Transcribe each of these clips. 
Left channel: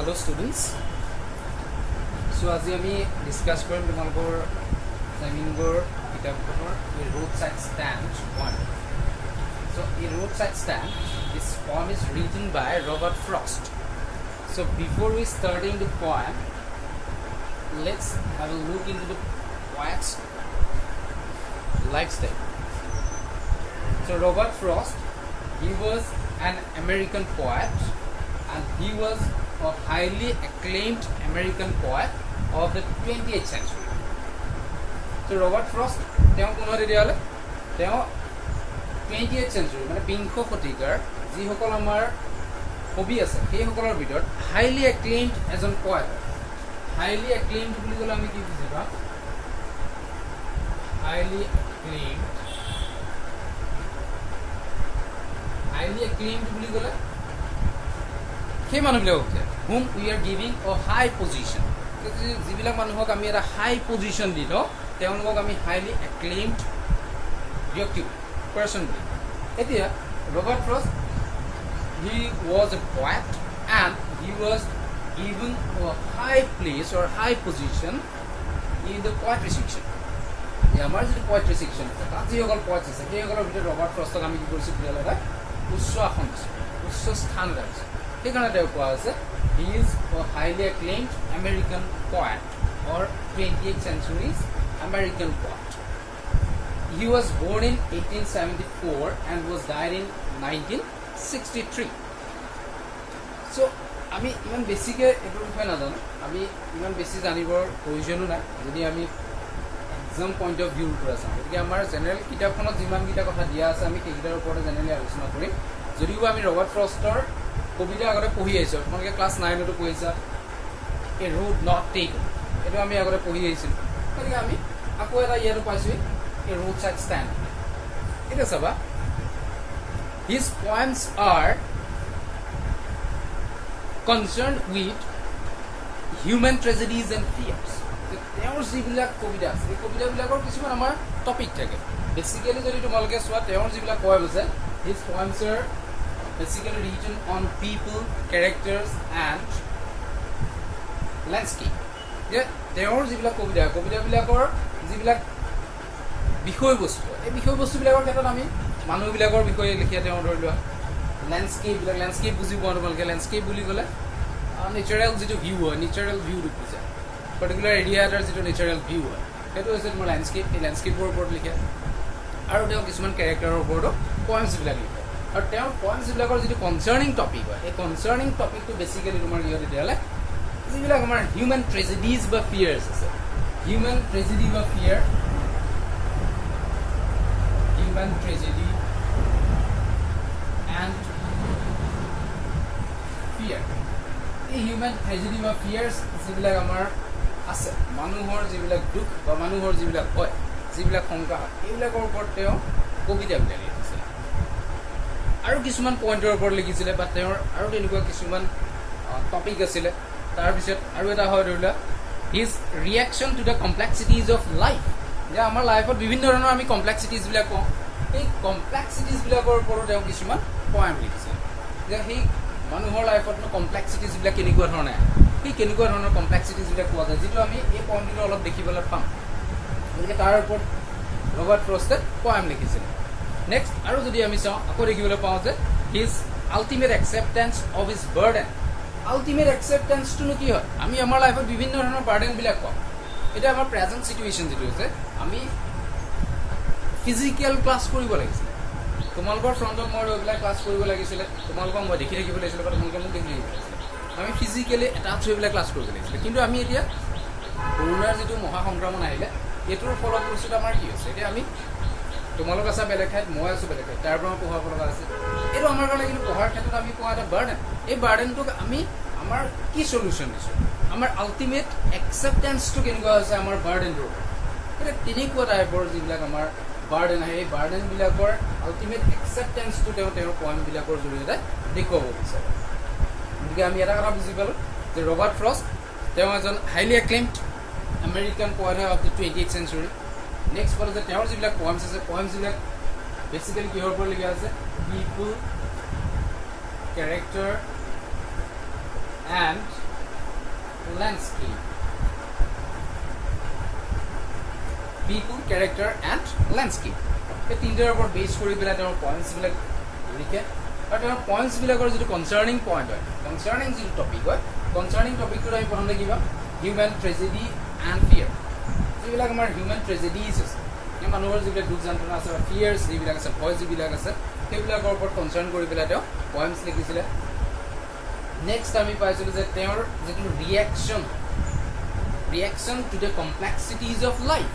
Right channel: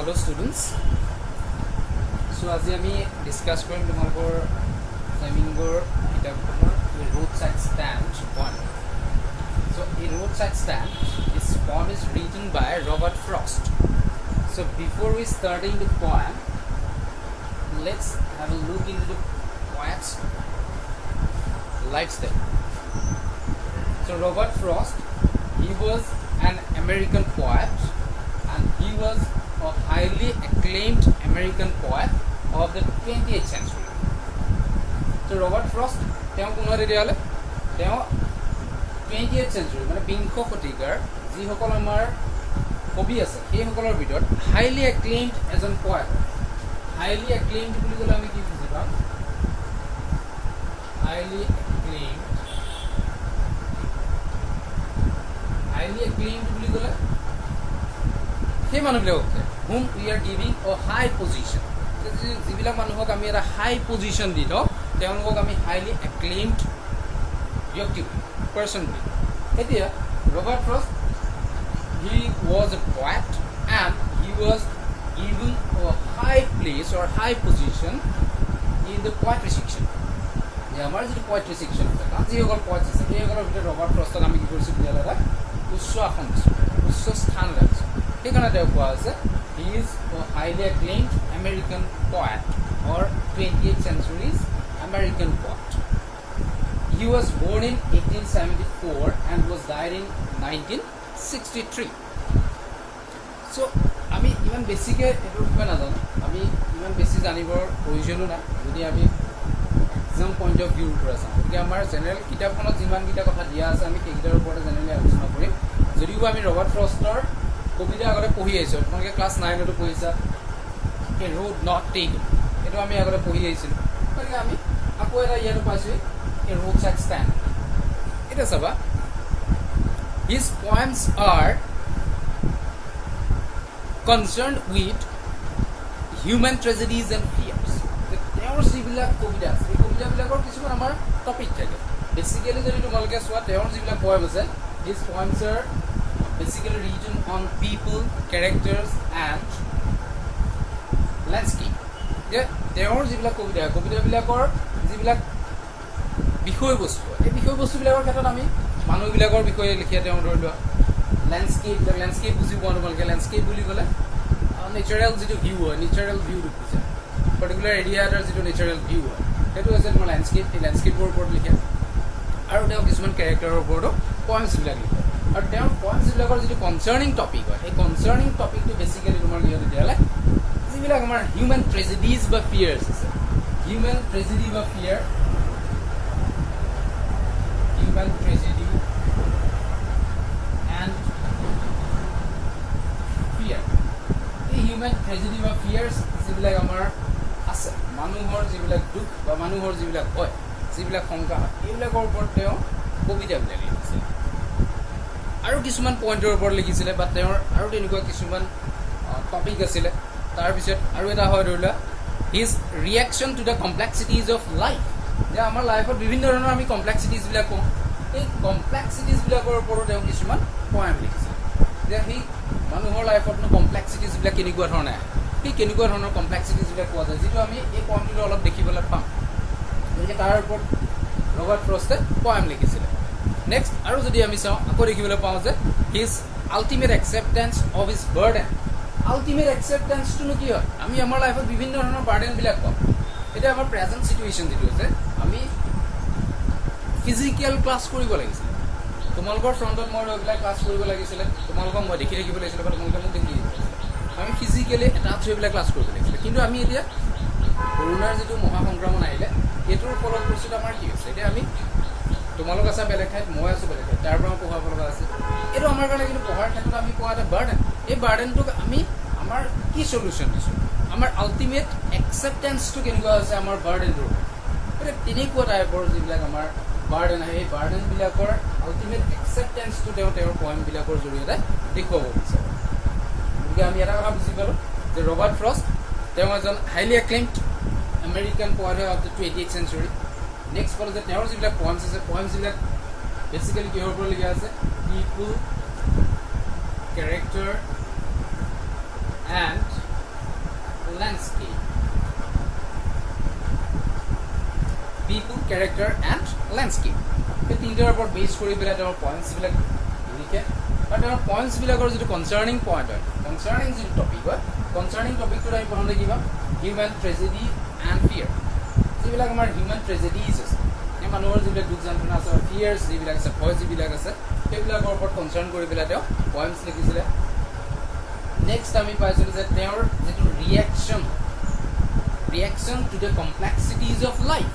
Hello students. So as we discuss going tomorrow roadside stand one. So a roadside stand, this poem is written by Robert Frost. So before we starting the poem, let's have a look into the poet's lifestyle. So Robert Frost, he was an American poet and he was a highly acclaimed American poet of the 20th century. So Robert Frost, 20th century, মানে বিংশ শতিকাৰ যিসকল আমাৰ কবি আছে সেইসকলৰ ভিতৰত highly acclaimed এজন poet. Highly acclaimed বুলি ক'লে আমি কি বুজি পাম? Highly acclaimed বুলি ক'লে সেই মানুহবিলাক whom we are giving a high position. যিবিলাক মানুহক আমি এটা হাই পজিশন দিলো তেওঁলোকক আমি highly acclaimed ব্যক্তি person বুলি এতিয়া Robert Frost, he was a poet and he was given a high place or high position in the poetry section. আমাৰ যে poetry section আছে যিসকল poets আছে সেইসকলৰ ভিতৰত Robert Frostক আমি কি কৰিছো বিয়ালে উচ্চ আসন উচ্চ স্থান ৰাখিছো সেইকাৰণে তেওঁ কোৱা আছে he is a highly acclaimed American poet or 20th century's American poet. He was born in 1874 and was died in 1963. So আমি ইমান বেছিকে এটো বিষয় নাজানো আমি ইমান বেছি জানিবৰ প্ৰয়োজনো নাই যদি আমি এক্সাম পইণ্ট অফ ভিউৰ পৰা চাওঁ গতিকে আমাৰ জেনেৰেল কিতাপখনত যিমান কিটা কথা দিয়া আছে আমি সেইকেইটাৰ ওপৰতে জেনেৰেলি আলোচনা কৰিম যদিও আমি ৰবাৰ্ট ফ্ৰষ্টৰ কবিতা আগতে পঢ়ি আহিছো তোমালোকে ক্লাছ 9তো পঢ়িছা এ ৰোড নট টেকেন এটো আমি আগতে পঢ়ি আহিছিলো গতিকে আমি আকৌ এটা ইয়াতো পাইছো a roadside stand. It is about his poems are concerned with human tragedies and fears. Their jibilak kobita, ei kobita bilakor kisuman amar topic thake. Basically jodi tomaloke soa their jibilak poem ase, his poems are basically written on people, characters and landscape. Yeah, their jibilak kobita bilakor jibilak বিষয়বস্তু এই বিষয়বস্তুবিলাকৰ ক্ষেত্ৰত আমি মানুহবিলাকৰ বিষয়ে লিখিয়া তেওঁ ধৰিলোৱা landscape বুজি পোৱা তোমালোকে ল্যান্ডস্কেপ বুলি ক'লে নেচাৰেল যিটো ভিউ হয় নেচাৰেল ভিউ বুজিছে পাৰ্টিকুলাৰ এৰিয়া এটাৰ যিটো নেচাৰেল ভিউ হয় সেইটো হৈছে তোমাৰ ল্যান্ডস্কেপ এই ল্যান্ডস্কেপৰ ওপৰত লিখে আৰু তেওঁ কিছুমান কেৰেক্টাৰৰ ওপৰতো পয়েমছবিলাক লিখে আৰু তেওঁৰ পয়েমছবিলাকৰ যিটো কনচাৰ্নিং টপিক হয় এই কনচাৰ্নিং টপিকটো বেছিকেলি তোমাৰ ইয়াত দিয়ালে যিবিলাক আমাৰ হিউমেন ট্ৰেজেডিজ বা ফিয়াৰ্ছ আছে হিউমেন ট্ৰেজেডি বা ফিয়াৰ human tragedy and fear. এই human tragedy বা fears যিবিলাক আমাৰ আছে মানুহৰ যিবিলাক দুখ বা মানুহৰ যিবিলাক হয় যিবিলাক সংকট এইবিলাকৰ ওপৰত তেওঁ কবিতা লিখিছে আৰু কিছুমান পইণ্টৰ ওপৰত লিখিছিলে বা তেওঁৰ আৰু তেনেকুৱা কিছুমান টপিক আছিলে তাৰ পিছত আৰু এটা হয় ধৰিলা his reaction to the complexities of life. যে আমাৰ লাইফত বিভিন্ন ধৰণৰ আমি কমপ্লেক্সিটিজ বিলাক কওঁ এই কমপ্লেক্সিটিজ বিলাকৰ ওপৰত তেওঁ কিছুমান পয়েম লিখিছে যে হি মানুহৰ লাইফত কমপ্লেক্সিটিজ বিলাক কেনেকুৱা ধৰণে কি কেনেকুৱা ধৰণৰ কমপ্লেক্সিটিজ বিলাক পোৱা যায় যিটো আমি এই পয়েমটো অলপ দেখিবলৈ পাম গতিকে তাৰ ওপৰত ৰবাৰ্ট ফ্ৰষ্টে পয়েম লিখিছিল নেক্সট আৰু যদি আমি চাওঁ আকৌ দেখিবলৈ পাওঁ যে his ultimate acceptance of his burden আল্টিমেট একচেপ্টেন্সটো কি হয় আমি আমাৰ লাইফত বিভিন্ন ধৰণৰ বাৰ্ডেন বিলাক পাওঁ এটা আমাৰ প্ৰেজেন্ট সিচুৱেচন যিটো আছে আমি ফিজিক্যাল ক্লাস কৰিব লাগিছিল তোমালোকৰ ফ্ৰন্টত মই ৰেগুলাৰ ক্লাস কৰিব লাগিছিল তোমালোকক মই দেখি থাকিব লাগিছিল বা তোমালোকক মোক দেখি আমি ফিজিক্যালি এটাচ হৈ ক্লাস কৰিব লাগিছিল কিন্তু আমি এতিয়া কৰোনাৰ যিটো মহা সংক্ৰমণ আহিলে এটোৰ ফলত বস্তুটো আমাৰ কি হৈছে এতিয়া আমি তোমালোক আছে বেলেগ ঠাইত মই আছো বেলেগ ঠাইত তাৰ পৰা পঢ়াব লগা আছে এটো আমাৰ কাৰণে কিন্তু পঢ়াৰ ক্ষেত্ৰত আমি পোৱা এটা বাৰ্ডেন এই বাৰ্ডেনটোক আমি আমাৰ কি সলিউশন আছে আমাৰ আল্টিমেট একসেপ্টেন্সটো কেনেকুৱা হৈছে আমাৰ বাৰ্ডেনটোৰ এটা তেনেকুৱা টাইপৰ যিবিলাক আমাৰ বাৰ্ডেন আহে এই বাৰ্ডেন বিলাকৰ আল্টিমেট একসেপ্টেন্সটো তেওঁৰ পয়েম বিলাকৰ জৰিয়তে দেখুৱাব বিচাৰে গতিকে আমি এটা কথা বুজি পালো যে ৰবাৰ্ট ফ্ৰষ্ট তেওঁ এজন highly acclaimed American poet of the 20th century next পালো যে তেওঁৰ যিবিলাক পয়েমছ আছে পয়েমছ বিলাক বেসিক্যালি কিহৰ ওপৰত লিখা আছে পিপল character and landscape. People, character and landscape. এই তিনটাৰ ওপৰত বেছ কৰি পেলাই তেওঁৰ পইণ্টছবিলাক লিখে আৰু তেওঁৰ পইণ্টছবিলাকৰ যিটো কনচাৰ্নিং পইণ্ট হয়, কনচাৰ্নিং যিটো টপিক হয়, কনচাৰ্নিং টপিকটোত আমি প্ৰথমতে কিবা হিউমেন ট্ৰেজেডি এণ্ড ফিয়াৰ, যিবিলাক আমাৰ হিউমেন ট্ৰেজেডিজ আছে, মানুহৰ যিবিলাক দুখ যন্ত্ৰণা আছে, ফিয়াৰ্ছ যিবিলাক আছে, ভয় যিবিলাক আছে, সেইবিলাকৰ ওপৰত কনচাৰ্ন কৰি পেলাই তেওঁ পইণ্টছ লিখিছিলে। নেক্সট আমি পাইছিলোঁ যে তেওঁৰ যিটো reaction to the complexities of life,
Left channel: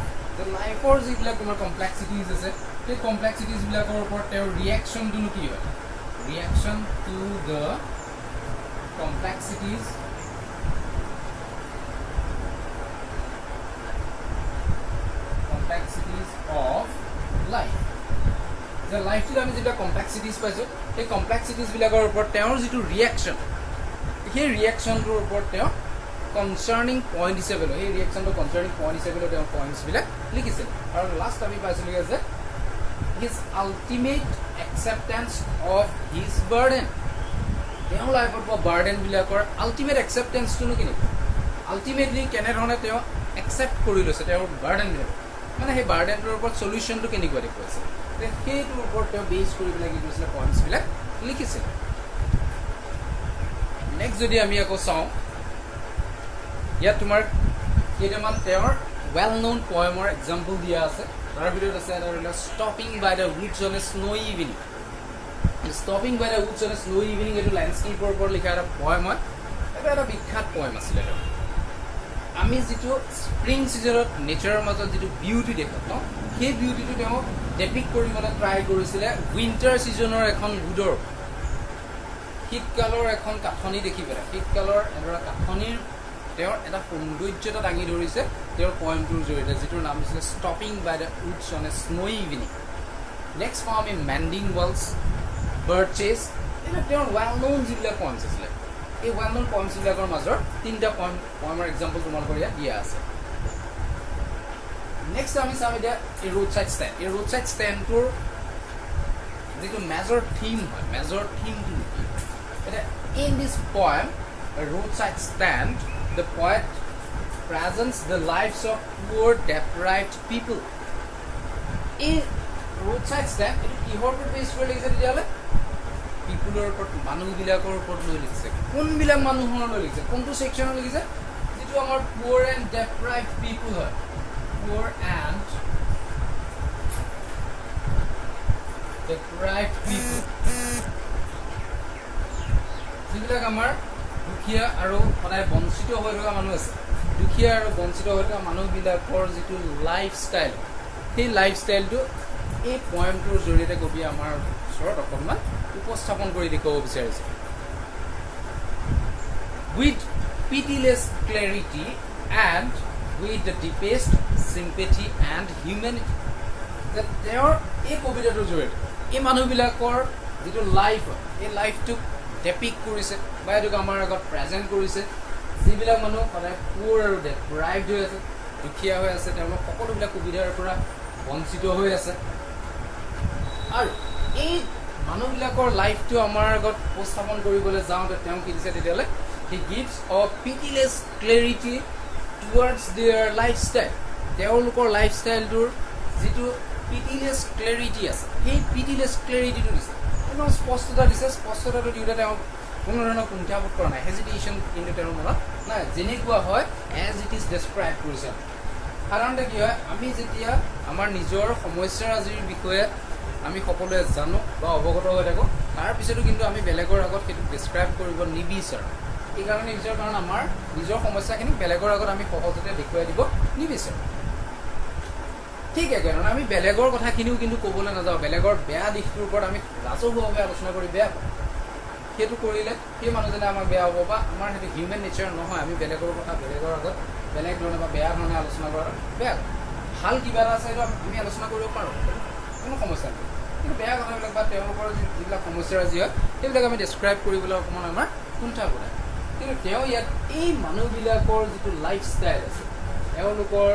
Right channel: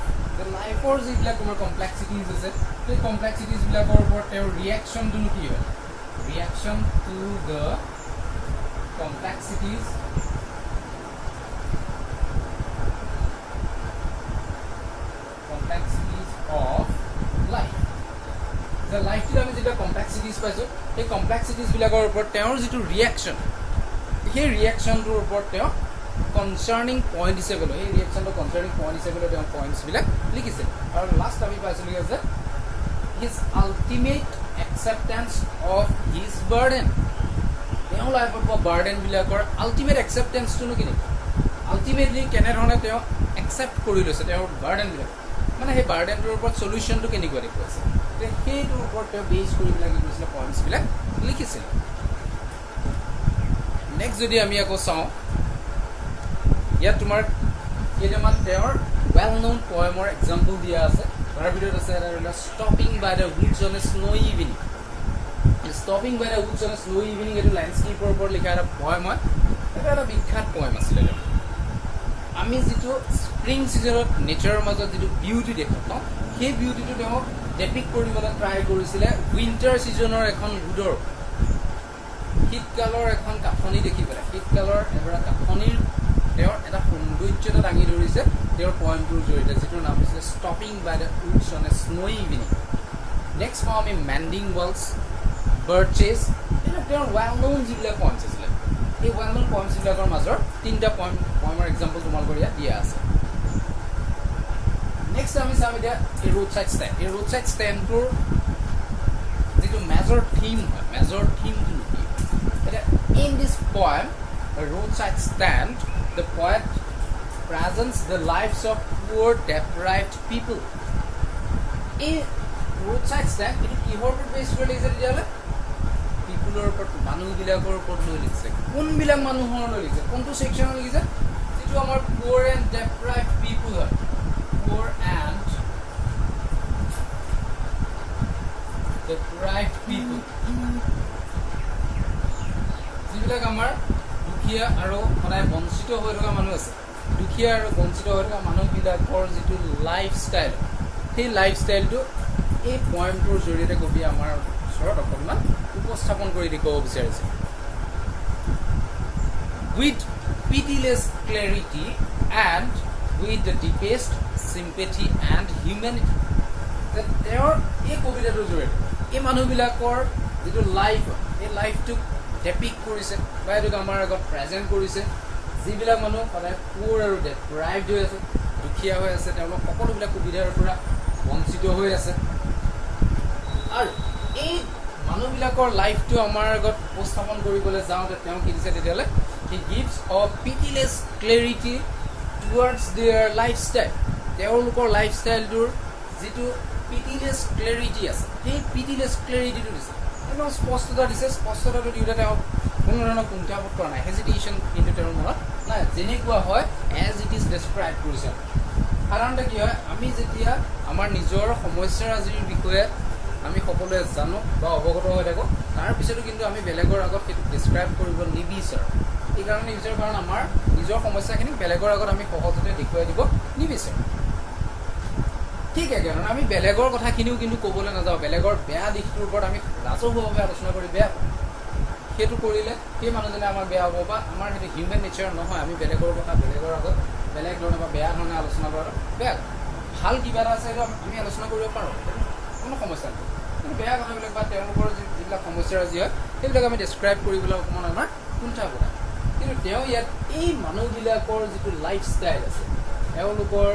লাইফৰ যিবিলাক তোমাৰ কমপ্লেক্সিটিজ আছে, সেই কমপ্লেক্সিটিজবিলাকৰ ওপৰত তেওঁৰ ৰিয়েকশ্যনটোনো কি হয়, reaction to the complexities of life. The life to আমি যেটা কমপ্লেক্সিটিজ পাইছো, সেই কমপ্লেক্সিটিজ বিলাকৰ ওপৰত তেওঁৰ যিটো ৰিয়েকশ্যন, সেই ৰিয়েকশ্যনটোৰ ওপৰত তেওঁ কনচাৰ্নিং পইণ্ট হিচাপে লয়, সেই ৰিয়েকশ্যনটো কনচাৰ্নিং পইণ্ট হিচাপে তেওঁ পইণ্টছবিলাক লিখিছে। আৰু লাষ্ট আমি পাইছিলোঁ যে his ultimate acceptance of his burden, তেওঁৰ লাইফত পোৱা বাৰ্ডেনবিলাকৰ আল্টিমেট একচেপ্টেঞ্চটোনো কেনেকুৱা, আল্টিমেটলি কেনেধৰণে তেওঁ একচেপ্ট কৰি লৈছে তেওঁৰ বাৰ্ডেনবিলাক, মানে সেই বাৰ্ডেনটোৰ ওপৰত চলিউশ্যনটো কেনেকুৱা দেখুৱাইছে, সেইটোৰ ওপৰত তেওঁ বেছ কৰি পেলাই কি কৰিছিলে পইণ্টছবিলাক লিখিছে। নেক্সট যদি আমি আকৌ চাওঁ, ইয়াত তোমাৰ কেইটামান তেওঁৰ ৱেল ন'ন পয়েমৰ এক্সাম্পল দিয়া আছে। তাৰ ভিতৰত আছে এটা stopping by the woods on a snowy' evening. Stopping by the woods on a snowy' evening এইটো লেণ্ডস্কেপৰ ওপৰত লিখা এটা পয়েম হয়। এইটো এটা বিখ্যাত পয়েম আছিলে। আমি যিটো স্প্ৰিং ছিজনত নেচাৰৰ মাজত যিটো বিউটি দেখোঁ ন, সেই বিউটিটো তেওঁ ডেপিক্ট কৰিবলৈ ট্ৰাই কৰিছিলে উইণ্টাৰ ছিজনৰ এখন ৰোডৰ, শীতকালৰ এখন কাঠনি দেখি পেলাই, শীতকালৰ এডৰা কাঠনিৰ তেওঁৰ এটা সৌন্দৰ্যতা দাঙি ধৰিছে তেওঁৰ পয়েমটোৰ জৰিয়তে, যিটোৰ নাম দিছিলে stopping by the woods on a snowy' evening. Next পাওঁ আমি মেণ্ডিং ৱালছ, বাৰ্চেছ, এইবিলাক তেওঁৰ ৱেল ন'ন যিবিলাক পয়েমছ আছিলে। এই ৱেল ন'ন পয়েমছবিলাকৰ মাজৰ তিনিটা পয়েমৰ এক্সাম্পল তোমালোকৰ ইয়াত দিয়া আছে। নেক্সট আমি চাম এতিয়া এই ৰোড ছাইড ষ্টেণ্ড। এই ৰোড ছাইড ষ্টেণ্ডটোৰ যিটো মেজৰ থিম হয়, মেজৰ থিমটো এতিয়া in this poem roadside stand, the poet presents the lives of poor deprived people. এই roadside stand এটো কিহৰ ওপৰত বেছ কৰি লিখিছে তেতিয়াহ'লে? পিপুলৰ ওপৰত, মানুহবিলাকৰ ওপৰত লৈ লিখিছে। কোনবিলাক মানুহৰ লৈ লিখিছে, কোনটো ছেকশ্যনত লিখিছে? যিটো আমাৰ poor and deprived people হয়, poor and deprived people, যিবিলাক আমাৰ দুখীয়া আৰু সদায় বঞ্চিত হৈ থকা মানুহ আছে, দুখীয়া আৰু বঞ্চিত হৈ থকা মানুহবিলাকৰ যিটো লাইফষ্টাইল, সেই লাইফষ্টাইলটো এই পয়েমটোৰ জৰিয়তে কবিয়ে আমাৰ ওচৰত অকণমান উপস্থাপন কৰি দেখুৱাব বিচাৰিছে। With pitiless clarity and with the deepest sympathy and humanity, তেওঁৰ এই কবিতাটোৰ জৰিয়তে এই মানুহবিলাকৰ যিটো লাইফ, এই লাইফটোক ডেপিক্ট কৰিছে বা এইটোক আমাৰ আগত প্ৰেজেণ্ট কৰিছে। যিবিলাক মানুহ সদায় পুৰ আৰু ডেপ্ৰাইভড হৈ আছে, দুখীয়া হৈ আছে, তেওঁলোক সকলোবিলাক সুবিধাৰ পৰা বঞ্চিত হৈ আছে। আৰু এই মানুহবিলাকৰ লাইফটো আমাৰ আগত উপস্থাপন কৰিবলৈ যাওঁতে তেওঁ কি দিছে তেতিয়াহ'লে, he gives a pitiless clarity towards their lifestyle. তেওঁলোকৰ লাইফষ্টাইলটোৰ যিটো পিটিলেছ ক্লেৰিটি আছে, সেই পিটিলেছ ক্লেৰিটিটো দিছে, একদম স্পষ্টতা দিছে। স্পষ্টতাটো দিওঁতে তেওঁ কোনো ধৰণৰ কুণ্ঠাবোধ কৰা নাই, হেজিটেশ্যন কিন্তু তেওঁৰ মনত নাই, যেনেকুৱা হয় এজ ইট ইজ ডেছক্ৰাইব কৰিছে। সাধাৰণতে কি হয়, আমি যেতিয়া আমাৰ নিজৰ সমস্যাৰাজিৰ বিষয়ে আমি সকলোৱে জানো বা অৱগত হৈ থাকোঁ, তাৰপিছতো কিন্তু আমি বেলেগৰ আগত সেইটো ডেছক্ৰাইব কৰিব নিবিচাৰোঁ। এইকাৰণে নিবিচাৰোঁ কাৰণ আমাৰ নিজৰ সমস্যাখিনিক বেলেগৰ আগত আমি সহজতে দেখুৱাই দিব নিবিচাৰোঁ। ঠিক একেধৰণে আমি বেলেগৰ কথাখিনিও কিন্তু ক'বলৈ নাযাওঁ, বেলেগৰ বেয়া দিশটোৰ ওপৰত আমি ৰাজহুৱাভাৱে আলোচনা কৰি বেয়া পাওঁ। সেইটো কৰিলে সেই মানুহজনে আমাৰ বেয়া হ'ব বা আমাৰ সেইটো হিউমেন নেচাৰ নহয়। আমি বেলেগৰ কথা বেলেগৰ আগত বেলেগ ধৰণে বা বেয়া ধৰণে আলোচনা কৰাটো বেয়া। ভাল কিবা এটা আছে সেইটো আমি আলোচনা কৰিব পাৰোঁ, কোনো সমস্যা নাই। কিন্তু বেয়া কথাবিলাক বা তেওঁলোকৰ যিবিলাক সমস্যাৰাজি হয় সেইবিলাক আমি ডেছক্ৰাইব কৰিবলৈ অকণমান আমাৰ কুণ্ঠা কৰে। কিন্তু তেওঁ ইয়াত এই মানুহবিলাকৰ যিটো লাইফষ্টাইল আছে, তেওঁলোকৰ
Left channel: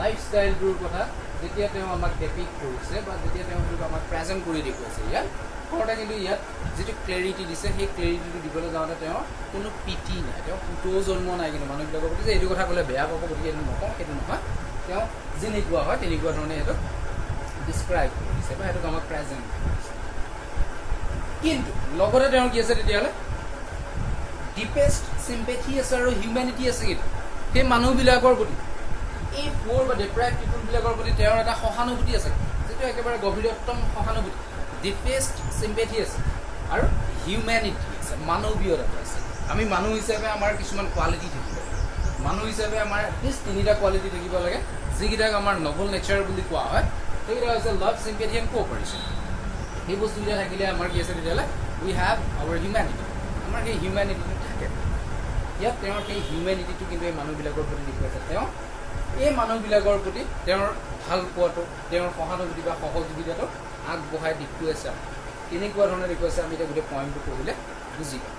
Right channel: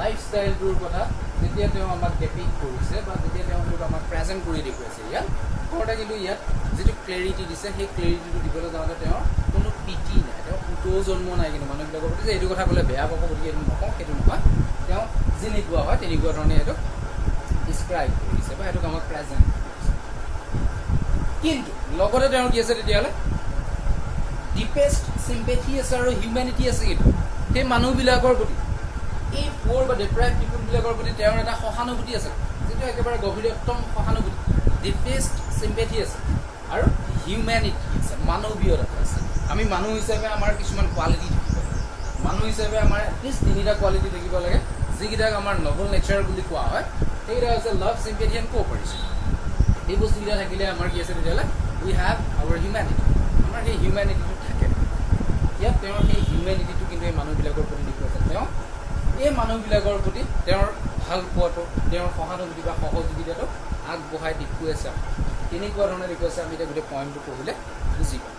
লাইফষ্টাইলটোৰ কথা যেতিয়া তেওঁ আমাক ডেপিক্ট কৰিছে বা যেতিয়া তেওঁ আমাক প্ৰেজেণ্ট কৰি দেখুৱাইছে ইয়াত, ওপৰতে কিন্তু ইয়াত যেটো ক্লেৰিটি দিছে সেই ক্লেৰিটিটো দিবলৈ যাওঁতে তেওঁ কোনো পিটি নাই তেওঁ পুতো জন্ম নাই কিন্তু মানুহবিলাকৰ প্ৰতি যে এইটো কথা ক'লে বেয়া পাব গতিকে এইটো নকওঁ সেইটো নহয় তেওঁ যেনেকুৱা হয় তেনেকুৱা ধৰণে এইটো ডিছক্ৰাইব কৰিছে বা সেইটো আমাক প্ৰেজেণ্ট কিন্তু লগতে তেওঁ কি আছে তেতিয়াহ'লে ডিপেষ্ট চিম্পেথি আছে আৰু হিউমেনিটি আছে কিন্তু সেই মানুহবিলাকৰ প্ৰতি এই পোৰ বা ডিপ্ৰাইভ পিপুলবিলাকৰ প্ৰতি তেওঁৰ এটা সহানুভূতি আছে যেটো একেবাৰে গভীৰতম সহানুভূতি ডিপেষ্ট চিম্পেথি আছে আৰু হিউমেনিটি আছে মানৱীয়তা আছে আমি মানুহ হিচাপে আমাৰ কিছুমান কোৱালিটি মানুহ হিচাপে আমাৰ এটলিষ্ট তিনিটা কোৱালিটি থাকিব লাগে যিকেইটাক আমাৰ নবল নেচাৰ বুলি কোৱা হয় সেইকেইটা হৈছে লাভ চিম্পেথি এণ্ড কোঅপাৰেশ্যন এই বস্তুকেইটা থাকিলে আমাৰ কি আছে তেতিয়াহ'লে উই হেভ আৱাৰ হিউমেনিটি আমাৰ সেই হিউমেনিটিটো থাকে ইয়াত তেওঁৰ সেই হিউমেনিটিটো কিন্তু এই মানুহবিলাকৰ প্ৰতি দেখুৱাইছে তেওঁ এই মানুহবিলাকৰ প্ৰতি তেওঁৰ ভাল পোৱাটো তেওঁৰ সহানুভূতি বা সহযোগিতাটো আগবঢ়াই দেখুৱাইছে কেনেকুৱা ধৰণে দেখুৱাইছে আমি এতিয়া গোটেই পইণ্টটো পঢ়িলে বুজি পাম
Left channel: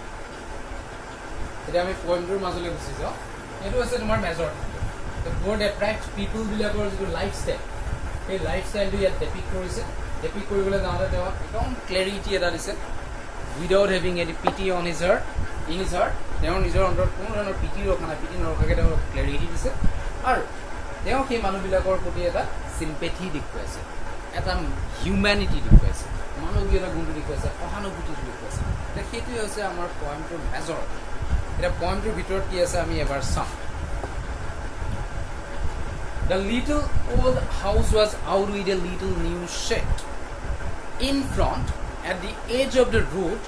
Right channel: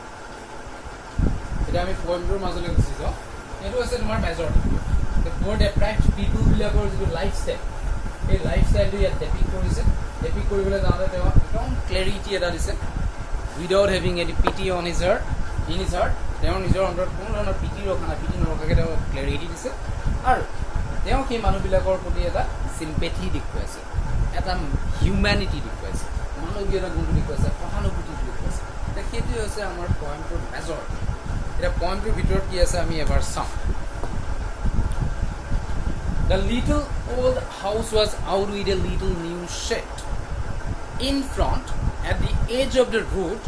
এতিয়া আমি পইণ্টটোৰ মাজলৈ গুচি যাওঁ এইটো হৈছে তোমাৰ মেজৰ পোৰ ডেপ্ৰাইভড পিপুলবিলাকৰ যিটো লাইফষ্টাইল সেই লাইফষ্টাইলটো ইয়াত ডেপিক্ট কৰিছে ডেপিক্ট কৰিবলৈ যাওঁতে তেওঁ একদম ক্লেৰিটি এটা দিছে উইদাউট হেভিং এনি পিটি অন হিজ হাৰ্ট তেওঁৰ নিজৰ অন্তৰত কোনো ধৰণৰ পিটি ৰখা নাই পিটি নৰখাকৈ তেওঁ ক্লেৰিটি দিছে আৰু তেওঁ সেই মানুহবিলাকৰ প্ৰতি এটা চিম্পেথি দেখুৱাইছে এটা হিউমেনিটি দেখুৱাইছে মানৱীয়তা গুণটো দেখুৱাইছে সহানুভূতি দেখুৱাইছে এতিয়া সেইটোৱে হৈছে আমাৰ পইণ্টটোৰ মেজৰ এতিয়া পইণ্টটোৰ ভিতৰত কি আছে আমি এবাৰ চাওঁ The little old house was out with a little new shed in front at the edge of the road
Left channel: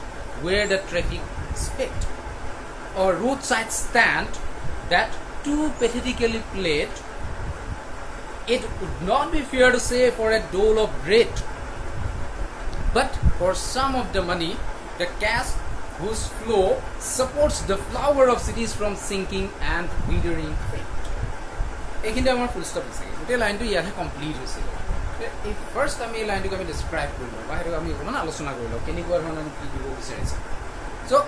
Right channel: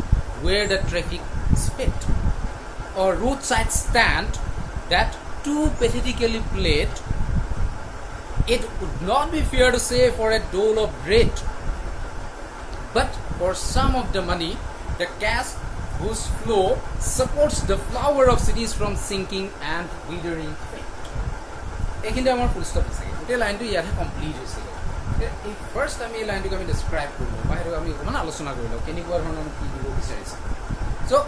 where the traffic sped. A roadside stand that too pathetically played, it would not be fair to say for a dole of bread, but for some of the money, the cash whose flow supports the flower of cities from sinking and withering fate. এইখিনি আমাৰ ফুল stop আছে গোটেই লাইনটো ইয়াতে complete হৈছিলে এই first আমি এই লাইনটোক আমি ডিছক্ৰাইব কৰিলোঁ বা সেইটো আমি অকণমান আলোচনা কৰিলোঁ কেনেকুৱা ধৰণৰ আমি কি দিব বিচাৰিছোঁ চ'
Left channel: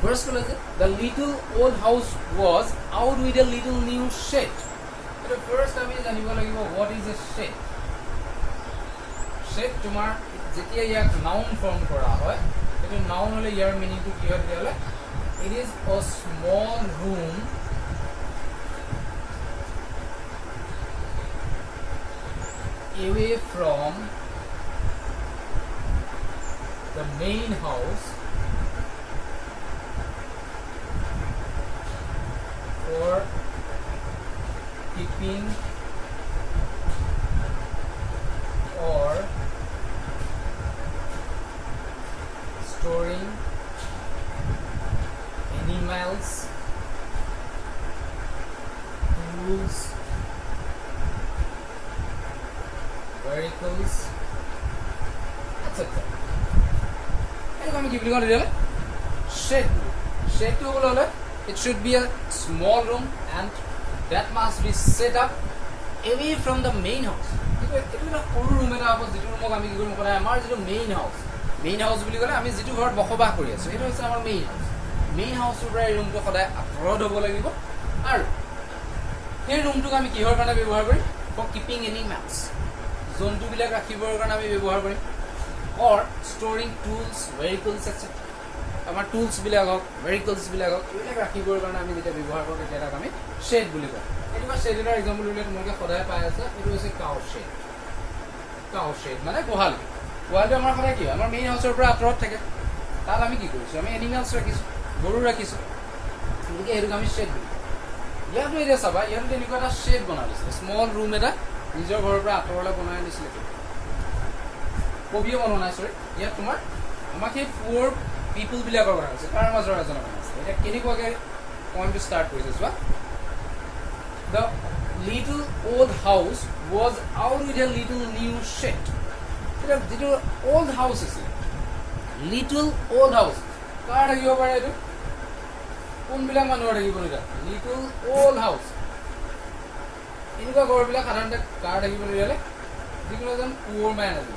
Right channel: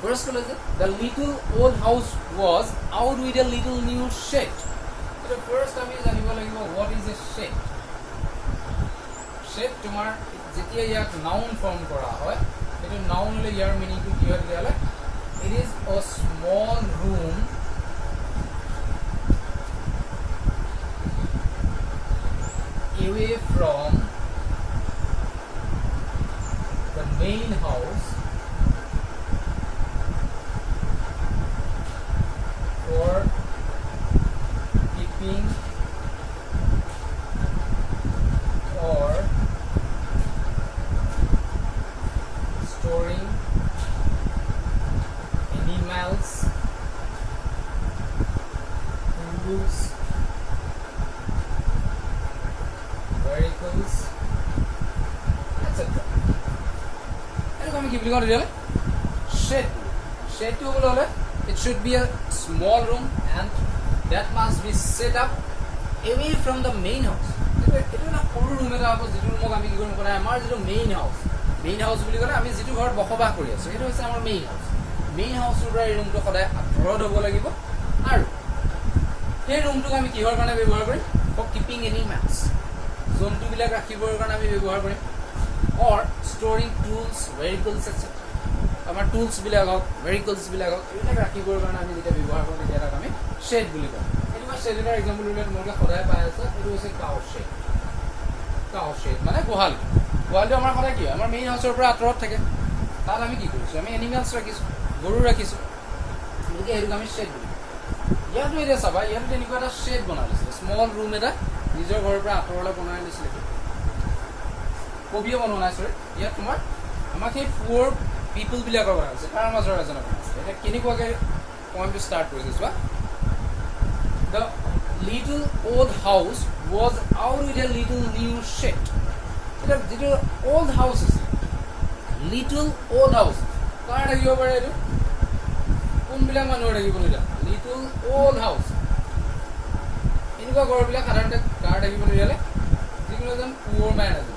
ফাৰ্ষ্ট ক'লে যে the little old house was out with a little new shed এইটো ফাৰ্ষ্ট আমি জানিব লাগিব what is a shed shed তোমাৰ যেতিয়া ইয়াক নাউন ফৰ্ম কৰা হয় সেইটো নাউন হ'লে ইয়াৰ মিনিংটো কি হয় তেতিয়াহ'লে it is O small room away from the main house for keeping or storing animals, tools, vehicles, etc. আমি কি বুলি কওঁ তেতিয়াহ'লে shed. Shed to হ'লে it should be a small room and that must be set up away from the main house. এইটো এটা সৰু room এটা হ'ব যিটো ৰুমক আমি কি কৰিম ক'লে আমাৰ যিটো মেইন হাউচ বুলি ক'লে আমি যিটো ঘৰত বসবাস কৰি আছোঁ সেইটো হৈছে আমাৰ মেইন হাউচটোৰ পৰা এই ৰুমটো সদায় আঁতৰত হ'ব লাগিব আৰু সেই ৰুমটোক আমি কিহৰ কাৰণে ব্যৱহাৰ কৰিম ফৰ কিপিং এনিমেলছ জন্তুবিলাক ৰাখিবৰ কাৰণে আমি ব্যৱহাৰ কৰিম অৰ ষ্টৰিং টুলছ ভেহিকলছ এটচেট্ৰা আমাৰ টুলছবিলাক হওক ভেহিকলছবিলাক হওক এইবিলাক ৰাখিবৰ কাৰণে আমি যেতিয়া ব্যৱহাৰ কৰোঁ তেতিয়া তাক আমি শ্বেড বুলি কওঁ এইটো মই শ্বেড এটাৰ এক্সাম্পল দিলে তোমালোকে সদায় পাই আছে এইটো হৈছে কাউ শ্বেড মানে গোহালিটো আমাৰ সদায় কি আমাৰ মেইন হাউচৰ পৰা আঁতৰত থাকে তাত আমি কি কৰিছোঁ আমি এনিমেলছ ৰাখিছোঁ গৰু ৰাখিছোঁ গতিকে সেইটোক আমি শ্বেড বুলি ইয়াতো এতিয়া চাবা ইয়াতো তেনেকুৱা এটা শ্বেড বনাই লৈছিলে স্মল ৰুম এটা নিজৰ ঘৰৰ পৰা আঁতৰলৈ বনাই দিছিলে কবিয়ে বনোৱা নাই চৰি ইয়াত তোমাৰ আমাক সেই পুৱাৰ পিপুলবিলাকৰ কথা হৈছে তাৰ মাজৰ এজনে বনাইছিলে এতিয়া কেনেকুৱাকৈ পইণ্টটো ষ্টাৰ্ট কৰিছে চোৱা the little old house was out with a little new shed এতিয়া যিটো অল্ড হাউচ আছে লিটল অল্ড হাউচ কাৰ থাকিব পাৰে এইটো কোনবিলাক মানুহৰ থাকিব এতিয়া লিটল অল্ড হাউচ এনেকুৱা ঘৰবিলাক সাধাৰণতে কাৰ থাকিব তেতিয়াহ'লে যিকোনো এজন পুৱাৰ মেন আছে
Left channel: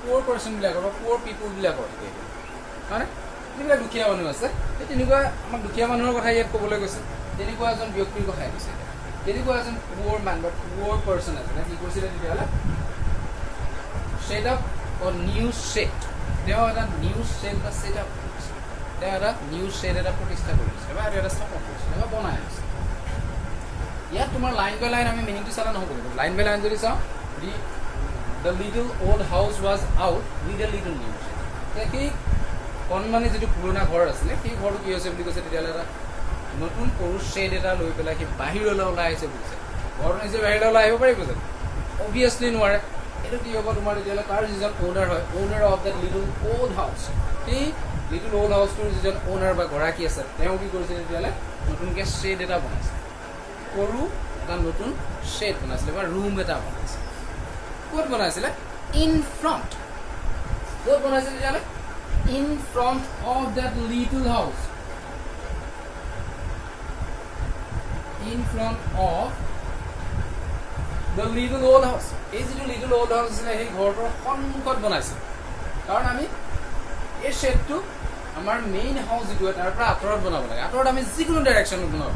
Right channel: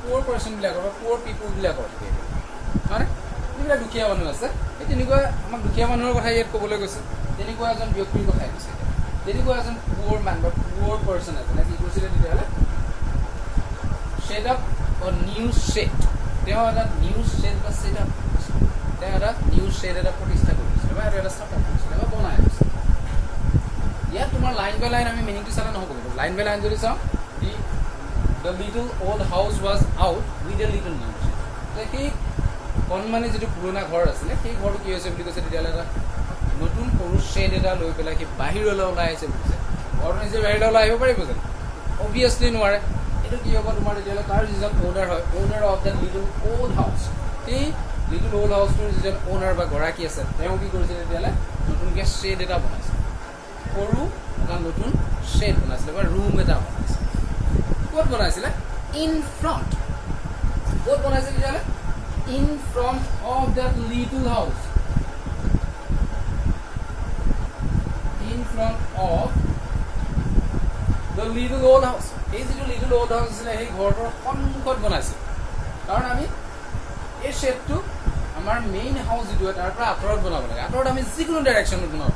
পুৱাৰ পাৰ্চনবিলাকৰ বা পুৱাৰ পিপুলবিলাকৰ থাকে হয়নে যিবিলাক দুখীয়া মানুহ আছে তেনেকুৱা আমাক দুখীয়া মানুহৰ কথা ইয়াত ক'বলৈ গৈছে তেনেকুৱা এজন ব্যক্তিৰ কথাই দিছে তেনেকুৱা এজন পুৱাৰ মেন বা পুৱাৰ পাৰ্চন এজনে কি কৰিছিলে তেতিয়াহ'লে শ্বেড আপ অ নিউ শ্বেড তেওঁ এটা নিউ শেড বা সেটআপ কৰিছে তেওঁ এটা নিউ শেড এটা প্ৰতিষ্ঠা কৰিছে বা এটা সাপোৰ্ট কৰিছে বা বনাই আছে ইয়াত তোমাৰ লাইন বাই লাইন আমি মিনিংটো চালা নহ'ব লাইন বাই লাইন যদি চাওঁ the little old house was out with a little new shed সেই কনমানে যেটো পুৰণা ঘৰ আছিল সেই ঘৰটো কি হৈছে বুলি কৈছে তেতিয়ালে এটা নতুন সৰু শেড এটা লৈ পেলাই কি বাহিৰলৈ ওলাই আহিছে বুলিছে ঘৰ নিজে বাহিৰলৈ ওলাই আহিব পাৰিব জানো অবভিয়াছলি নোৱাৰে এটো কি হ'ব তোমাৰ তেতিয়ালে তাৰ যিজন ওনাৰ হয় owner of that little old হাউস সেই লিটল ওল্ড হাউসটোৰ যিজন ওনাৰ বা গৰাকী আছে তেওঁ কি কৰিছে তেতিয়ালে নতুনকৈ শেড এটা বনাইছে সৰু এটা নতুন শেড বনাইছিলে বা ৰুম এটা বনাইছে ক'ত বনাইছিলে ইন ফ্ৰণ্ট ক'ত বনাইছিলে তেতিয়ালে in front of that little house in front of the little old house এই যেটো little old house আছে এই ঘৰটোৰ সন্মুখত বনাইছে কাৰণ আমি এই শেডটো আমাৰ মেইন হাউস যেটো তাৰ পৰা আঁতৰত বনাব লাগে আঁতৰত আমি যিকোনো ডাইৰেকশ্যনত বনাব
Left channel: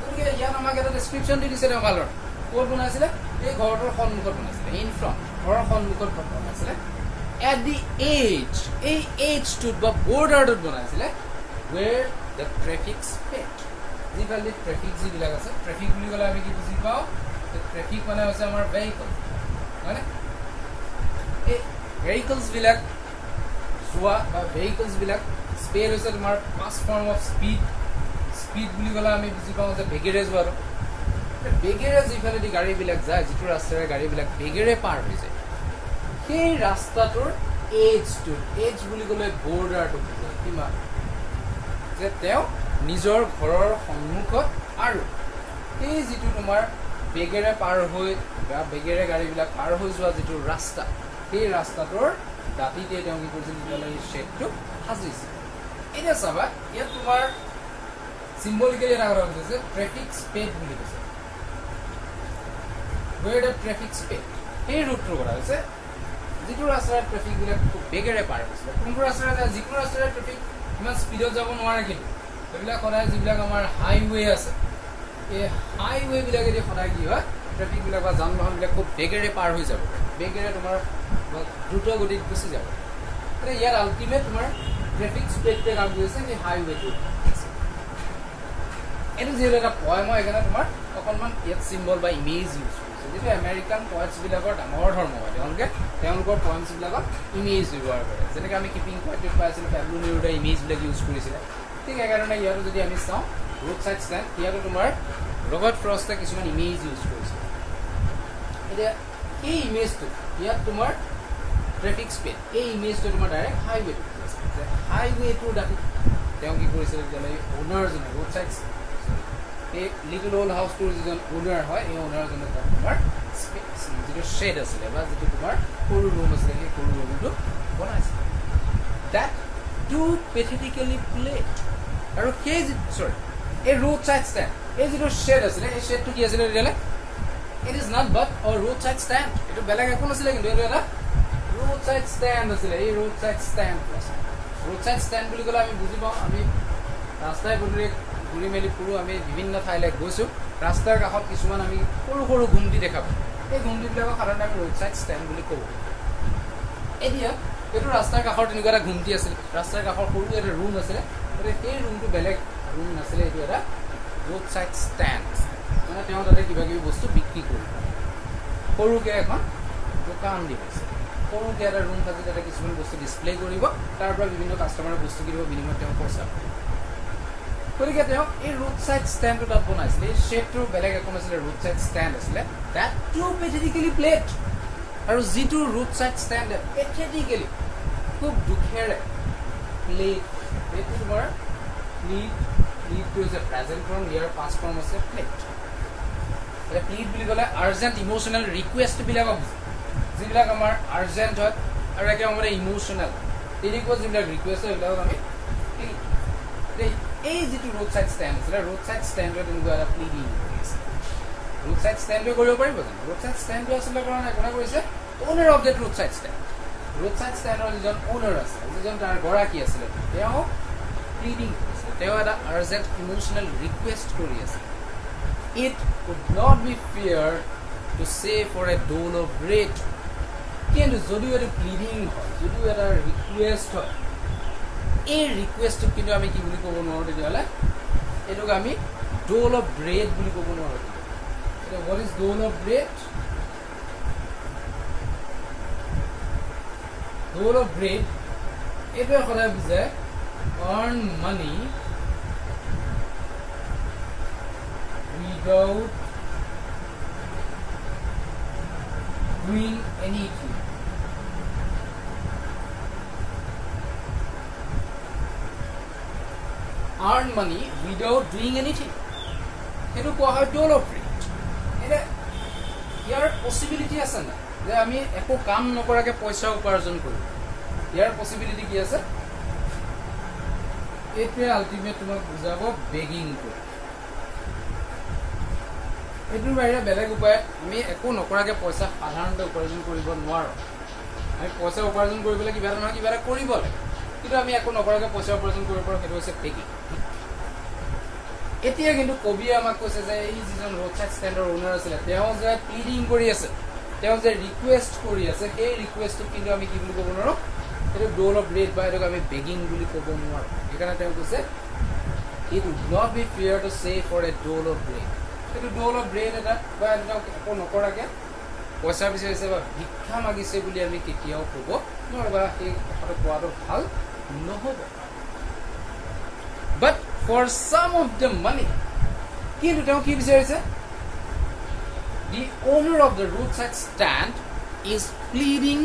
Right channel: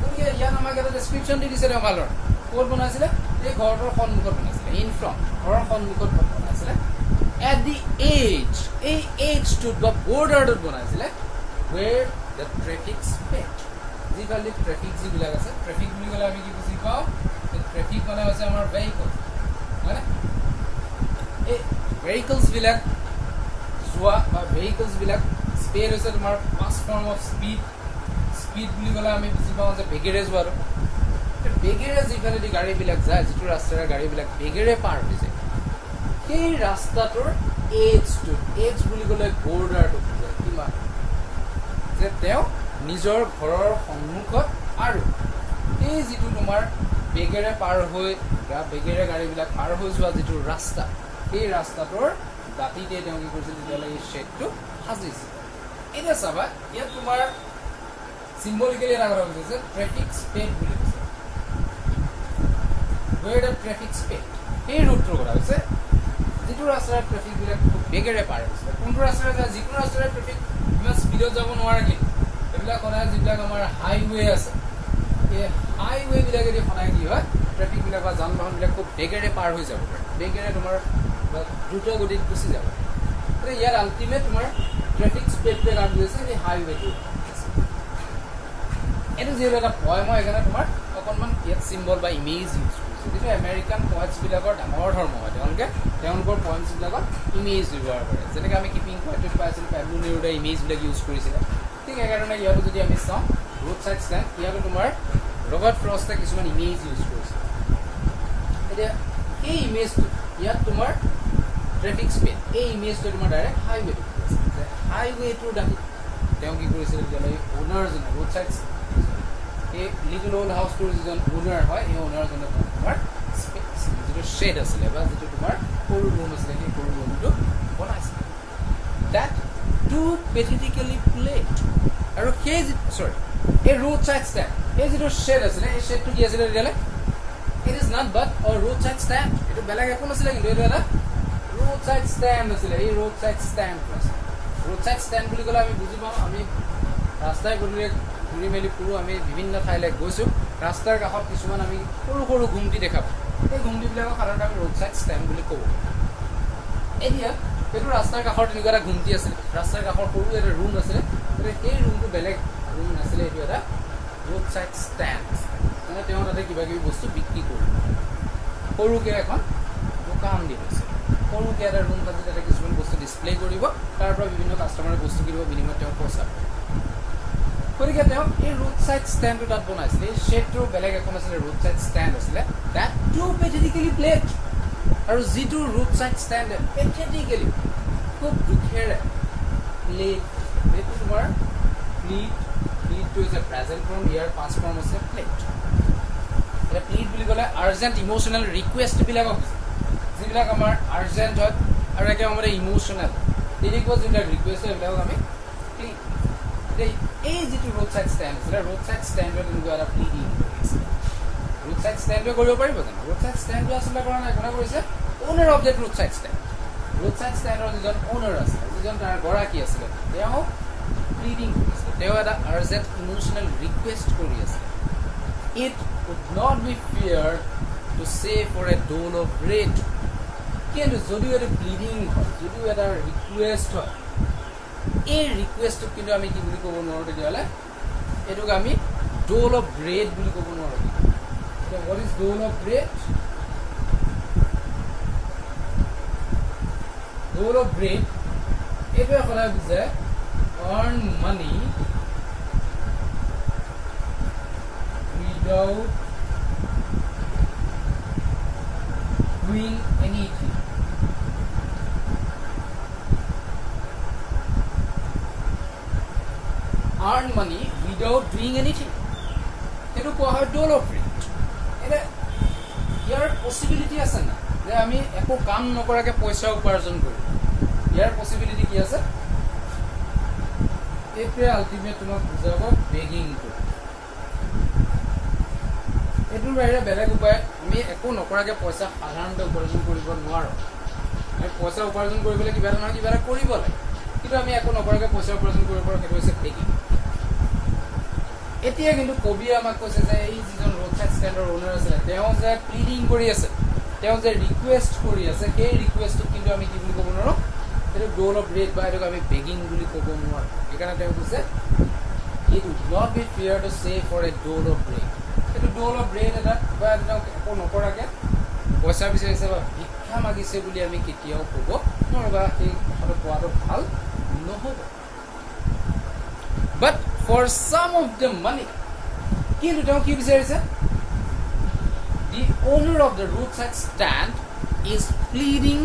গতিকে ইয়াত আমাক এটা ডেসক্ৰিপচন দি দিছে ভালৰ ক'ত বনাইছিলে এই ঘৰটোৰ সন্মুখত বনাইছিলে in front ঘৰৰ সন্মুখত বনাইছিলে at the edge to the border dot banaisile where the traffic sped যিফালে ট্ৰাফিক যিবিলাক আছে ট্ৰাফিক বুলি ক'লে আমি কি বুজি পাওঁ ট্ৰাফিক মানে আছে আমাৰ ভেহিকল মানে এই ভেহিকলছ বিলাক যোৱা বা ভেহিকলছ বিলাক স্পীড হৈছে তোমাৰ পাঁচ ফৰ্ম অফ স্পীড বুলি ক'লে আমি বুজি পাওঁ যে বেগেৰে যোৱা বেগেৰে যিফালে দি গাড়ী বিলাক যায় যিটো ৰাস্তাৰে গাড়ী বিলাক বেগেৰে পাৰ হৈ যায় সেই ৰাস্তাটোৰ এজ বুলি ক'লে বৰ্ডাৰটো বুজায় কিমান যে তেওঁ নিজৰ ঘৰৰ সন্মুখত আৰু এই যিটো তোমাৰ বেগেৰে পাৰ হৈ বা বেগেৰে গাড়ীবিলাক পাৰ হৈ যোৱা যিটো ৰাস্তা সেই ৰাস্তাটোৰ দাঁতিতে তেওঁ কি কৰিছিল তেতিয়ালৈ এই শেডটো সাজিছে এতিয়া চাবা ইয়াত তোমাৰ চিম্বলিকেলি এটা কথা কৈছে যে ট্ৰেফিক স্পেড বুলি কৈছে where the traffic sped এই ৰুটটোৰ কথা হৈছে যিটো ৰাস্তাৰ ট্ৰাফিক বিলাক খুব বেগেৰে পাৰ হৈছে কোনটো ৰাস্তাৰে যিকোনো ৰাস্তাৰে ট্ৰাফিক ইমান স্পীডত যাব নোৱাৰে কিন্তু এইবিলাক সদায় যিবিলাক আমাৰ হাইৱে আছে এই হাইৱে বিলাকে যদি সদায় কি হয় ট্ৰাফিক বিলাক বা যান বাহন বিলাক খুব বেগেৰে পাৰ হৈ যাব পাৰে বেগেৰে তোমাৰ দ্ৰুত গতিত গুচি যাব পাৰে ইয়াৰ আল্টিমেট তোমাৰ ট্ৰাফিক স্পীডটোৱে কাম কৰিছে এই হাইৱেটো এইটো যিহেতু এটা পয়েম হয় সেইকাৰণে তোমাৰ অকণমান ইয়াত চিম্বল বা ইমেজ ইউজ যেটো আমেৰিকান পয়েটছ বিলাকৰ ডাঙৰ ধৰ্ম হয় তেওঁলোকৰ পয়েমছ বিলাকত ইমেজ ব্যৱহাৰ কৰে যেনেকৈ আমি কিপিং কোৱাৰ্টেট পাইছিলোঁ পেব্লো নেৰুডাৰ ইমেজ বিলাক ইউজ কৰিছিলে ঠিক সেইকাৰণে ইয়াতো যদি আমি চাওঁ ৰোড চাইড ষ্টেণ্ড ইয়াতো তোমাৰ ৰবাৰ্ট ফ্ৰষ্টে কিছুমান ইমেজ ইউজ কৰিছে এতিয়া এই ইমেজটো ইয়াত তোমাৰ ট্ৰেফিক স্পীড এই ইমেজটো তোমাৰ ডাইৰেক্ট হাইৱেটো যে হাইৱেটোৰ দাঁতি তেওঁ কি কৰিছিল তেতিয়াহ'লে অ'নাৰজনে ৰোড চাইড এই লিটল ওল্ড হাউচটোৰ যিজন ওনাৰ হয় এই ওনাৰজনে তোমাৰ যিটো শেড আছিলে বা যিটো তোমাৰ সৰু ৰুম আছিলে সেই সৰু ৰুমটো বনাইছিলে that too pathetically played আৰু সেই চৰি এই ৰোড চাইড ষ্টেণ্ড এই যিটো শেড আছিলে এই শেডটো কি আছিলে তেতিয়াহ'লে it is not but O road side stand এইটো বেলেগ একো নাছিলে কিন্তু এইটো এটা ৰোড চাইড ষ্টেণ্ড আছিলে এই ৰোড চাইড ষ্টেণ্ড বুলি ক'লে আমি বুজি পাওঁ আমি ৰাস্তাই পদূলিয়ে ঘূৰি মেলি ফুৰো আমি বিভিন্ন ঠাইলৈ গৈছোঁ ৰাস্তাৰ কাষত কিছুমান আমি সৰু সৰু ঘুমটি দেখা পাওঁ এই ঘুমটিবিলাকক সাধাৰণতে আমি ৰোড চাইড ষ্টেণ্ড বুলি কওঁ এতিয়া এইটো ৰাস্তাৰ কাষৰ তেনেকুৱা এটা ঘুমটি আছিলে ৰাস্তাৰ কাষৰ সৰু এটা ৰুম আছিলে গতিকে সেই ৰুমটো বেলেগ ৰুম নাছিলে এইটো এটা ৰোড চাইড ষ্টেণ্ড মানে তেওঁ তাতে কিবা কিবি বস্তু বিক্ৰী কৰিব সৰুকৈ এখন দোকান দিব সৰুকৈ এটা ৰুম থাকি তাতে কিছুমান বস্তু ডিছপ্লে কৰিব তাৰ পৰা বিভিন্ন কাষ্টমাৰে বস্তু কিনিব বিনিময়ত তেওঁ পইচা গতিকে তেওঁ এই ৰোড চাইড ষ্টেণ্ডটো তাত বনাইছিলে এই শেডটোৰ বেলেগ একো নাছিলে ৰোড চাইড ষ্টেণ্ড আছিলে that too pathetically played আৰু যিটো ৰোড চাইড ষ্টেণ্ড পেথেটিকেলি খুব দুখেৰে প্লেড এইটো তোমাৰ প্লিডটো হৈছে প্ৰেজেণ্ট ফৰ্ম ইয়াৰ পাষ্ট ফৰ্ম আছে প্লেড এতিয়া প্লিড বুলি ক'লে আৰ্জেণ্ট ইম'চনেল ৰিকুৱেষ্টবিলাকক যিবিলাক আমাৰ আৰ্জেণ্ট হয় আৰু একেবাৰে ইম'চনেল তেনেকুৱা যিবিলাক ৰিকুৱেষ্ট হয় সেইবিলাকক আমি প্লিড এই যিটো ৰোড চাইড ষ্টেণ্ড আছিলে ৰোড চাইড ষ্টেণ্ডৰ তেনেকুৱা এটা প্লিড ৰোড চাইড ষ্টেণ্ডে কৰিব পাৰিব জানো ৰোড চাইড ষ্টেণ্ডটো আচলতে কাৰণে একোটা কৰিছে owner of that road side ষ্টেণ্ডৰ যিজন অ'নাৰ আছিলে যিজন তাৰ গৰাকী আছিলে তেওঁ প্লিডিং কৰিছে তেওঁ এটা আৰ্জেণ্ট ইম'চনেল ৰিকুৱেষ্ট কৰি আছে it would not be fair to say for a dole of bread কিন্তু যদিও এটা ব্লিডিং হয় যদিও এটা ৰিকুৱেষ্ট হয় এই ৰিকুৱেষ্টটো কিন্তু আমি কি বুলি ক'ব নোৱাৰোঁ তেতিয়াহ'লে এইটোক আমি ডোল অফ ব্ৰেড বুলি ক'ব নোৱাৰোঁ এতিয়া what is dole of bread dole of bread এইটোৱে সদায় বুজায় earn money without doing anything. Earn money without doing anything. Etu koa hoy dole of bread. Ene yar possibility ase na je ami eko kaam nokorake paisa uparjon kori. Yar possibility ki ase? Epe ultimate tumak bujabo begging kori. এটোৰ বাহিৰে বেলেগ উপায় আমি একো নকৰাকে পইচা সাধাৰণতে উপাৰ্জন কৰিব নোৱাৰো আমি পইচা উপাৰ্জন কৰিবলৈ কিবা নহয় কিবা কৰিব লাগে কিন্তু আমি একো নকৰাকে পইচা উপাৰ্জন কৰিব পাৰো সেইটো হৈছে বেগিং এতিয়া কিন্তু কবিয়ে আমাক কৈছে যে এই যিজন ৰোড সাইড ষ্টেণ্ডৰ ওনাৰ আছিল তেওঁ যে প্লিডিং কৰি আছে তেওঁ যে ৰিকুৱেষ্ট কৰি আছে সেই ৰিকুৱেষ্টটো কিন্তু আমি কি বুলি ক'ব নোৱাৰো সেইটো ডোল অফ ব্ৰেড বা এটোক আমি বেগিং বুলি ক'ব নোৱাৰো সেইকাৰণে তেওঁ কৈছে it would not be fair to say for a dole of bread এটো ডোল অফ ব্ৰেড এটা বা একো নকৰাকে পইচা বিচাৰিছে বা ভিক্ষা মাগিছে বুলি আমি কেতিয়াও ক'ব নোৱাৰো বা এই কথাটো কোৱাটো ভাল নহ'ব but for some of the money কিন্তু তেওঁ কি বিচাৰিছে the owner of the roadside stand is pleading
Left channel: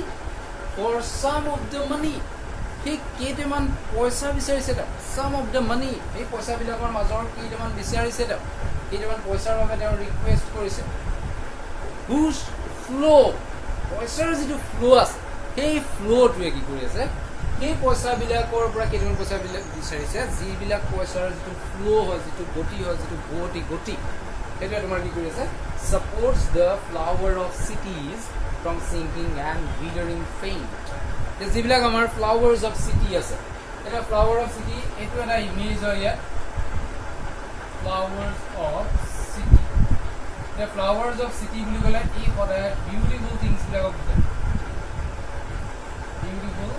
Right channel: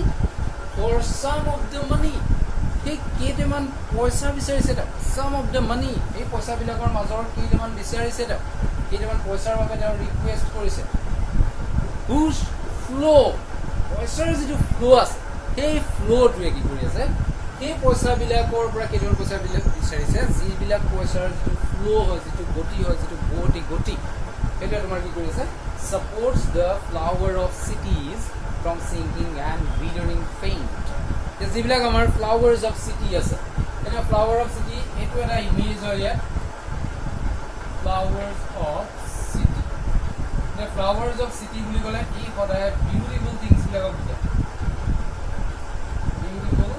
for some of the money he কেইটামান পইচা বিচাৰিছে তা some of the money এই পইচা বিলাকৰ মাজৰ কেইটামান বিচাৰিছে তা কেইটামান পইচাৰ বাবে তেওঁ ৰিকুৱেষ্ট কৰিছে whose flow পইচাৰ যিটো ফ্লো আছে সেই ফ্লোটোৱে কি কৰি আছে এই পইচা বিলাকৰ পৰা কেইটামান পইচা বিলাক বিচাৰিছে যিবিলাক পইচাৰ যিটো ফ্লো হয় যিটো গতি হয় যিটো গতি সেইটো তোমাৰ কি কৰি আছে supports the flower of cities from sinking and withering fame যিবিলাক আমাৰ flowers of city আছে এটা flower of city এইটো এটা ইমেজ হয় ইয়াত flowers of city the flowers of city বুলি ক'লে কি সদায় beautiful things বিলাকক বুজায় beautiful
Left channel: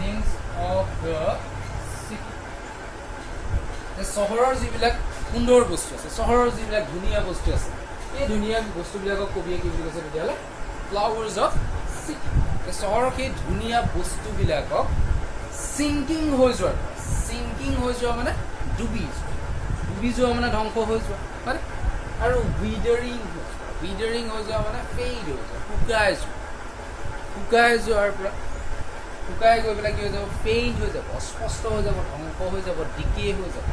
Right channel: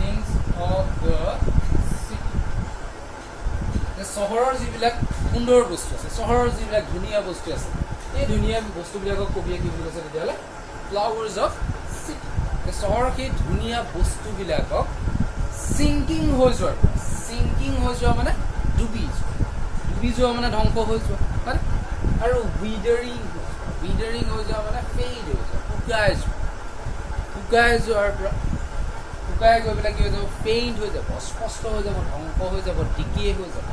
things of the city the চহৰৰ যিবিলাক সুন্দৰ বস্তু আছে চহৰৰ যিবিলাক ধুনীয়া বস্তু আছে এই ধুনীয়া বস্তুবিলাকক কবিয়ে কি বুলি কৈছে তেতিয়াহ'লে flowers of city the চহৰৰ সেই ধুনীয়া বস্তুবিলাকক sinking হৈ যোৱা মানে ডুবি যোৱা মানে ধ্বংস হৈ যোৱা মানে আৰু withering হৈ যোৱা মানে fade হৈ যোৱা শুকাই যোৱাৰ পৰা শুকাই গৈ পেলাই কি হৈ যাব fade হৈ যাব স্পষ্ট হৈ যাব ধ্বংস হৈ যাব decay হৈ যাব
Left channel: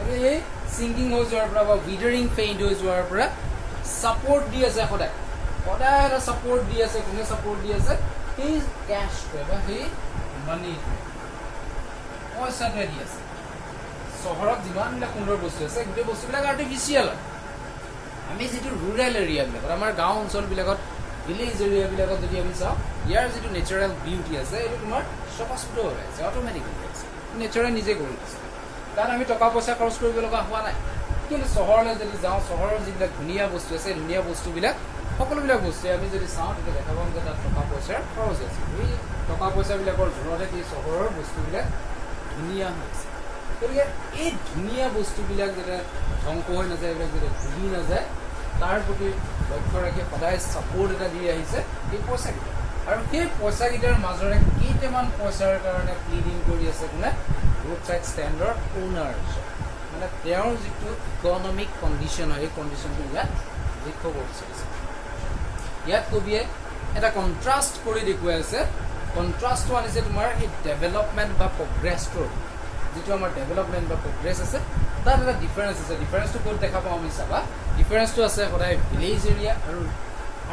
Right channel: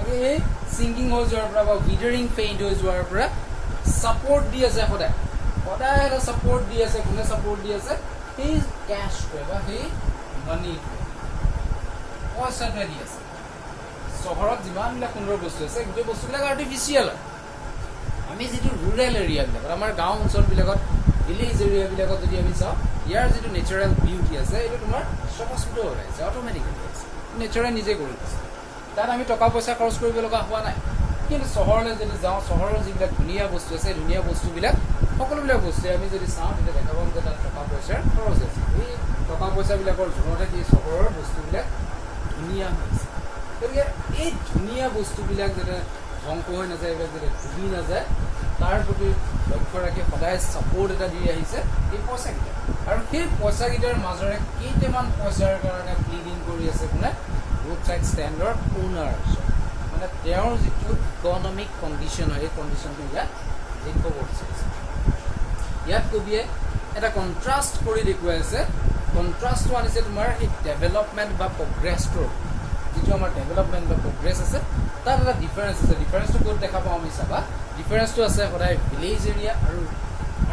আৰু এই sinking হৈ যোৱাৰ পৰা বা withering fade হৈ যোৱাৰ পৰা support দি আছে সদায় এটা support দি আছে কোনে support দি আছে এই cash বা সেই money পইচাটো দি আছে চহৰত যিমানবিলাক সুন্দৰ বস্তু আছে গোটেই বস্তুবিলাক আৰ্টিফিচিয়েল আমি যিটো ৰুৰেল এৰিয়াবিলাকত আমাৰ গাঁও অঞ্চলবিলাকত ভিলেজ এৰিয়াবিলাকত যদি আমি চাওঁ ইয়াৰ যিটো নেচাৰেল বিউটি আছে এইটো তোমাৰ স্বতঃস্ফূৰ্ত হৈ আছে অট'মেটিকেলি আছে নেচাৰে নিজে কৰি আছে তাত আমি টকা পইচা খৰচ কৰিব লগা হোৱা নাই কিন্তু চহৰলৈ যদি যাওঁ চহৰৰ যিবিলাক ধুনীয়া বস্তু আছে ধুনীয়া বস্তুবিলাক সকলোবিলাক বস্তু আমি যদি চাওঁ তেতিয়া দেখা পাম যে তাত টকা পইচাৰ খৰচ আছে এই টকা পইচাবিলাকৰ জোৰতে কি চহৰৰ বস্তুবিলাক ধুনীয়া হৈছে গতিকে এই ধুনীয়া বস্তুবিলাক যাতে ধ্বংস হৈ নাযায় এইবিলাক যাতে ডুবি নাযায় তাৰ প্ৰতি লক্ষ্য ৰাখি সদায় ছাপোৰ্ট এটা দি আহিছে এই পইচাকেইটা আৰু সেই পইচাকেইটাৰ মাজৰে কেইটামান পইচাৰ কাৰণে প্লিডিং কৰি আছে কোনে ৰোড সাইড ষ্টেণ্ডৰ ওনাৰ মানে তেওঁৰ যিটো ইকনমিক কণ্ডিশ্যন হয় এই কণ্ডিশ্যনটো ইয়াত দেখুৱাব বিচাৰিছে ইয়াত কবিয়ে এটা কণ্ট্ৰাষ্ট কৰি দেখুৱাই আছে কণ্ট্ৰাষ্টটো আনিছে তোমাৰ এই ডেভেলপমেণ্ট বা প্ৰগ্ৰেছটোৰ যিটো আমাৰ ডেভেলপমেণ্ট বা প্ৰগ্ৰেছ আছে তাত এটা ডিফাৰেঞ্চ আছে ডিফাৰেঞ্চটো ক'ত দেখা পাওঁ আমি চাবা ডিফাৰেঞ্চটো আছে সদায় ভিলেজ এৰিয়া আৰু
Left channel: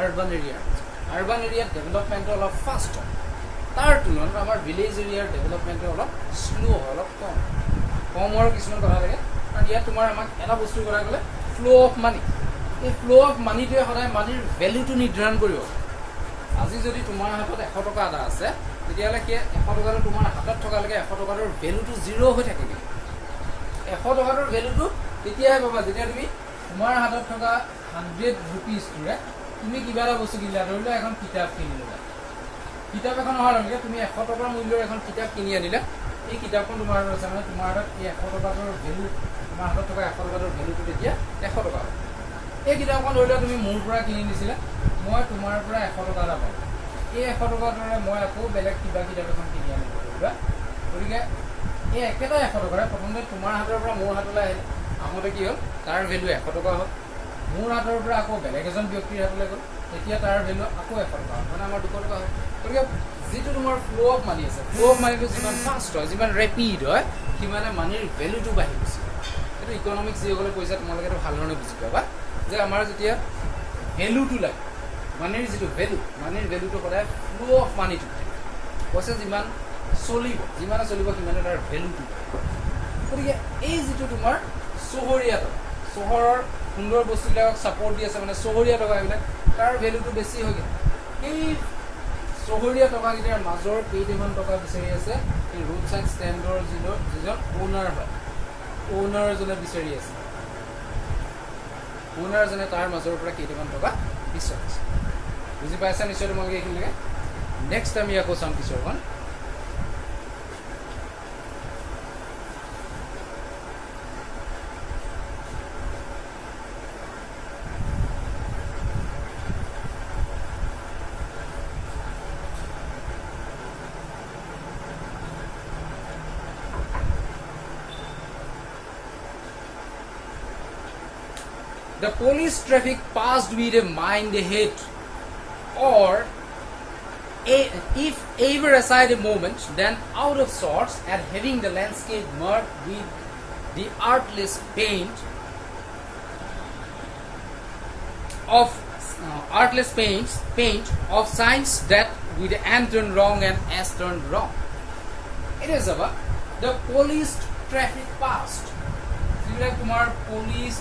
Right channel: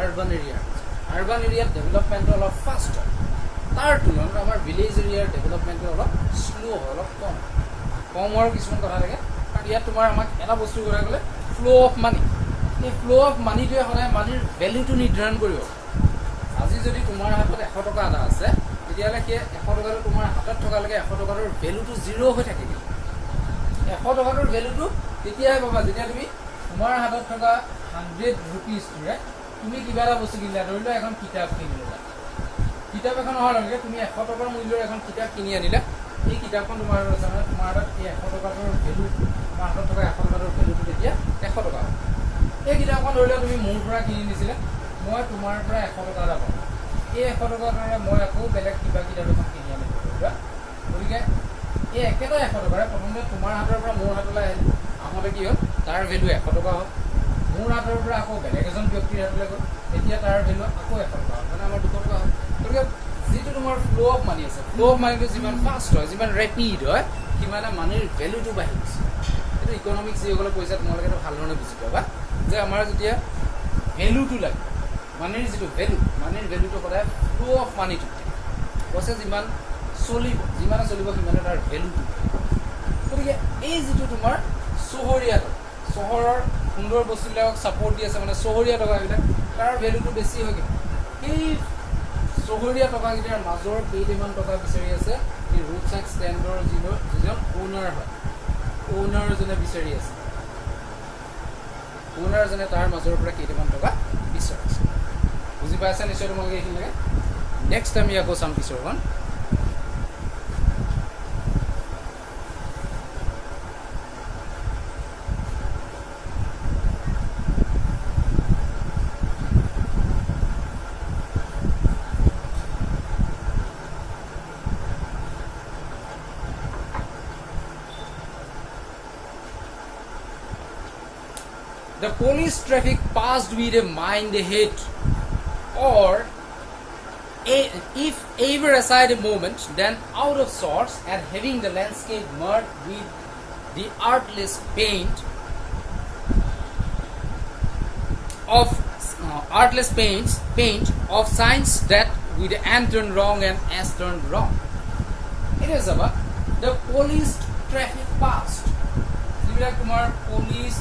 আৰ্বান এৰিয়াত ডেভেলপমেণ্টটো অলপ ফাষ্ট হয় তাৰ তুলনাত আমাৰ ভিলেজ এৰিয়াৰ ডেভেলপমেণ্টটো অলপ শ্ল' হয় অলপ কম হোৱাৰ কিছুমান কথা থাকে কাৰণ ইয়াত তোমাৰ আমাক এটা বস্তুৰ কথা ক'লে ফ্ল' অফ মানি এই ফ্ল' অফ মানিটোৱে সদায় মানিৰ ভেলুটো নিৰ্ধাৰণ কৰিব আজি যদি তোমাৰ হাতত 100 টকা এটা আছে তেতিয়াহ'লে সেই 100 টকাটো তোমাৰ হাতত থকালৈকে 100 টকাটোৰ ভেলুটো জিৰ' হৈ থাকে কিন্তু 100 টকাটোৰ ভেলুটো তেতিয়াহে পাবা যেতিয়া তুমি তোমাৰ হাতত থকা 100 ৰুপিজটোৰে তুমি কিবা এটা বস্তু কিনিলা ধৰি লোৱা এখন কিতাপ কিনি ল'লা কিতাপ এখন অহাৰ লগে তুমি 100 টকাৰ মূল্যৰ এখন কিতাপ কিনি আনিলা এই কিতাপখন তোমাৰ আছে মানে তোমাৰ তাত এই 100 টকাৰ ভ্যালু তোমাৰ হাতত থকা 100 টকাৰ ভ্যালুটো তেতিয়া 100 টকা এই কিতাপখন ধৰি লোৱা তুমি মোৰ পৰা কিনি নিছিলা মই তোমাৰ পৰা 100 টকা এটা পাম এই 100 টকাৰ দৰে মই আকৌ বেলেগ কিবা কিতাপ এখন কিনি আনিব ধৰিবা গতিকে এই একেটা 100 টকাৰে প্ৰথমতে তোমাৰ হাতৰ পৰা মোৰ হাতলৈ আহিল আহোঁতে কি হ'ল তাৰ ভ্যালু 100 টকা হ'ল মোৰ হাতৰ পৰা আকৌ বেলেগ এজন ব্যক্তিৰ হাতলৈ গ'ল এতিয়া তাৰ ভ্যালু আকৌ 100 টকা মানে আমাৰ 200 টকা হ'ল গতিকে যেটো তোমাৰ ফ্লো অফ মানি আছে ফ্লো অফ মানিটো যিমান ফাষ্ট হয় যিমান ৰেপিড হয় সিমানে মানিৰ ভ্যালুটো বাঢ়ি গৈছে এইটো ইকনমিক্স যিসকলে কৈছে তোমালোকে ভাল ধৰণে বুজি পাবা যে আমাৰ যেতিয়া ভ্যালুটো লাগে মানিৰ যিটো মানিৰ ভ্যালুটো সদায় ফ্লো অফ মানিটো কৈছে যিমান চলিব যিমানে চলিব সিমানে তাৰ ভ্যালুটো গতিকে এই যিটো তোমাৰ চহৰীয়া চহৰৰ সুন্দৰ বস্তুবিলাকক ছাপোৰ্ট দি আছে মানে চহৰীয়া টকাবিলাক তাৰ ভ্যালুটো বেছি হৈ গ'ল এই চহৰীয়া টকাকেইটাৰ মাজৰ কেইটামান টকা বিচাৰি আছে এই ৰোড সাইড ষ্টেণ্ডৰ যিজন ওনাৰ হয় ওনাৰজনে বিচাৰি আছে ওনাৰজনে তাৰ মাজৰ পৰা কেইটামান টকা বিচাৰিছে বুজি পাইছা নিশ্চয় তোমালোকে এইখিনিলৈকে নেক্সট আমি আকৌ চাম পিছৰখন The police traffic passed with a mind ahead, or if ever aside a moment, then out of sorts at having the landscape marked with the artless paint of signs that with N turned wrong and S turned wrong. It is about the police traffic passed. See, like Kumar, police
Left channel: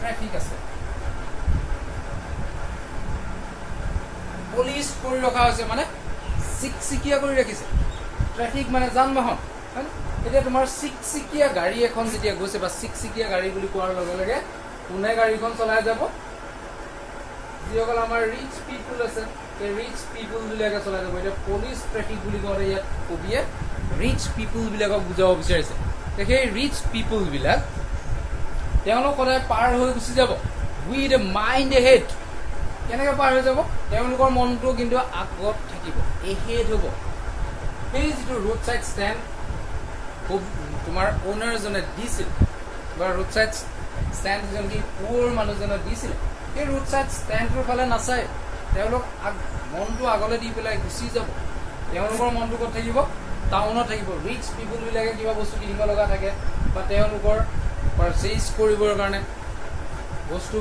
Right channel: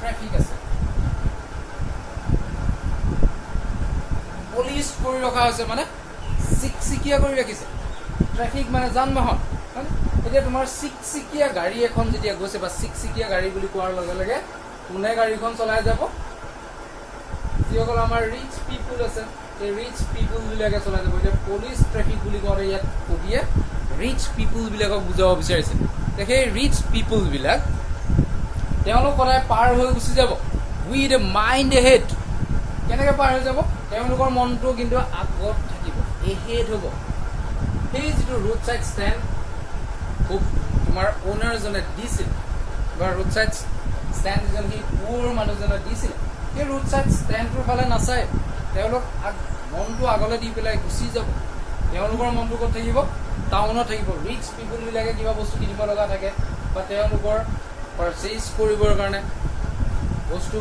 traffic আছে police কৰি ৰখা হৈছে মানে সিকিয়া কৰি ৰাখিছে traffic মানে যান-বাহন এতিয়া তোমাৰ সিকিয়া গাড়ী এখন যেতিয়া গৈছে বা সিকিয়া গাড়ী বুলি কোৱাৰ লগে লগে কোনে গাড়ীখন চলাই যাব যিসকল আমাৰ ৰিচ পিপল আছে এই ৰিচ পিপল বিলাকে চলাই যাব এতিয়া পুলিশ ট্ৰাফিক বুলি কোৱাৰে ইয়াত কবিয়ে ৰিচ পিপল বিলাকক বুজাব বিচাৰিছে সেই ৰিচ পিপল বিলাক তেওঁলোক সদায় পাৰ হৈ গুচি যাব উইথ এ মাইণ্ড এহেড কেনেকৈ পাৰ হৈ যাব তেওঁলোকৰ মনটো কিন্তু আগত থাকিব এহেড হ'ব সেই যিটো ৰোড সাইড ষ্টেণ্ড তোমাৰ ওনাৰজনে দিছিল বা ৰোড সাইড ষ্টেণ্ড যিজন সি পুৰ মানুহজনে দিছিল সেই ৰোড সাইড ষ্টেণ্ডটোৰ ফালে নাচায় তেওঁলোক মনটো আগলৈ দি পেলাই গুচি যাব তেওঁলোকৰ মনটো ক'ত থাকিব টাউনত থাকিব ৰিচ পিপল বিলাকে কিবা বস্তু কিনিব লগা থাকে বা তেওঁলোকৰ পাৰচেজ কৰিবৰ কাৰণে বস্তু